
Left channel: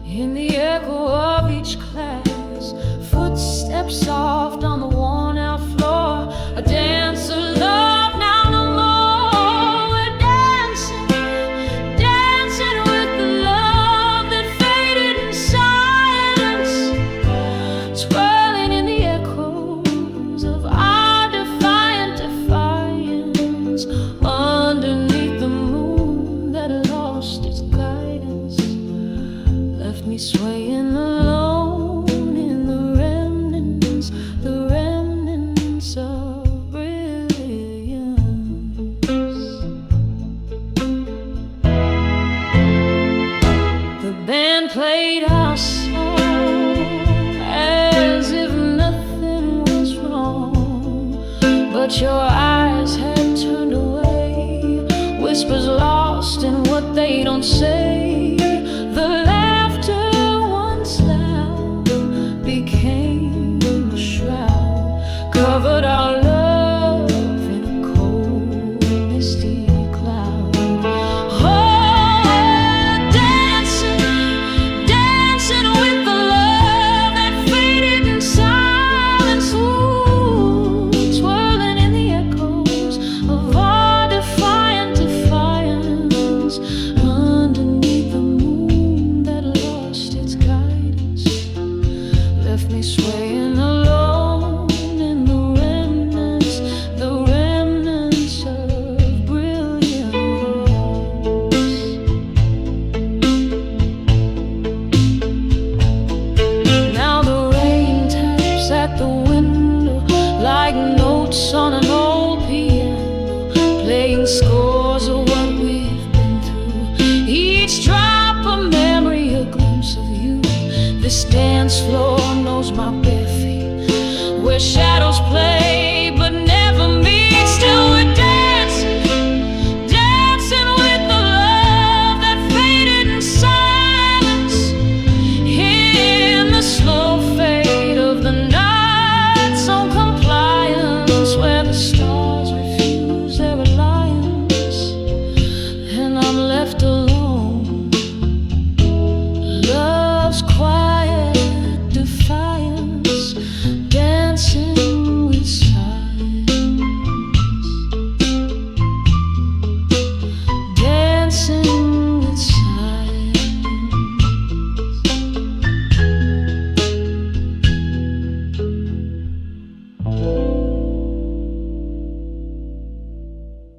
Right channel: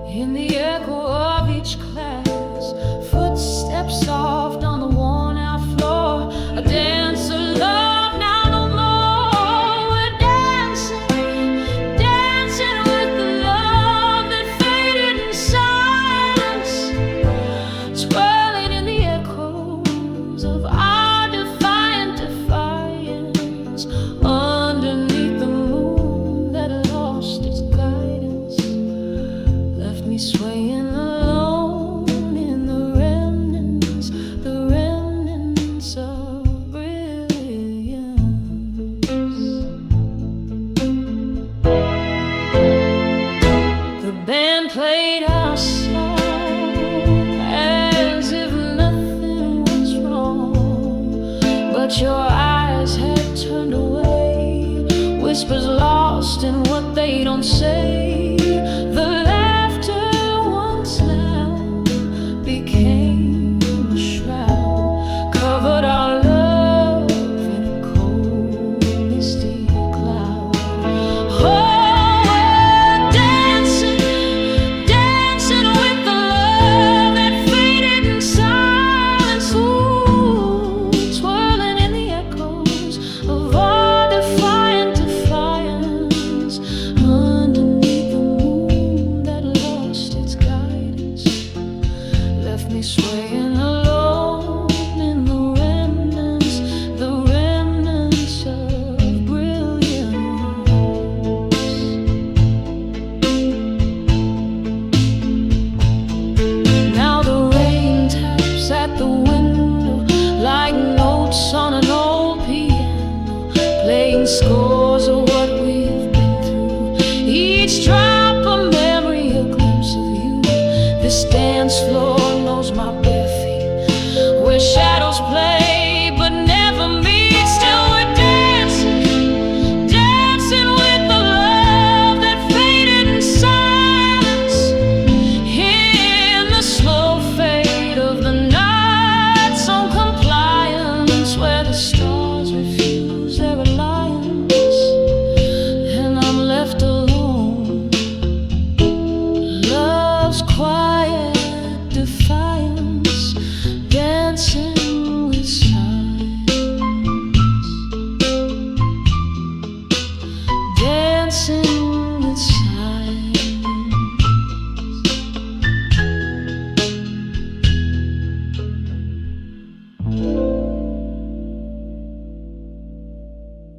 In the echo of each class, footsteps soft on the worn-out floor, a dance of love now no more. We're dancing, dancing with the love that faded in silence, swirling in the echoes of our defiant defiance. Underneath the moon that lost its guidance, left me swaying alone. Of brilliance, the The band played our song as if nothing was wrong, but your eyes had turned away, whispers lost in what they don't say. The laughter once loud became a shroud, covered our love in a cold, misty cloud. Oh, swaying alone in the remnants of brilliance. Now the rain taps at the window like notes on an old piano, playing scores of what we've been through. Each drop a memory, a glimpse of you. This dance floor knows my bare feet, where shadows play but never meet. Still we're dancing, dancing with the love that faded in silence, in the slow fade of the night's own compliance, where the stars refuse their alliance and I'm left alone. Love's quiet.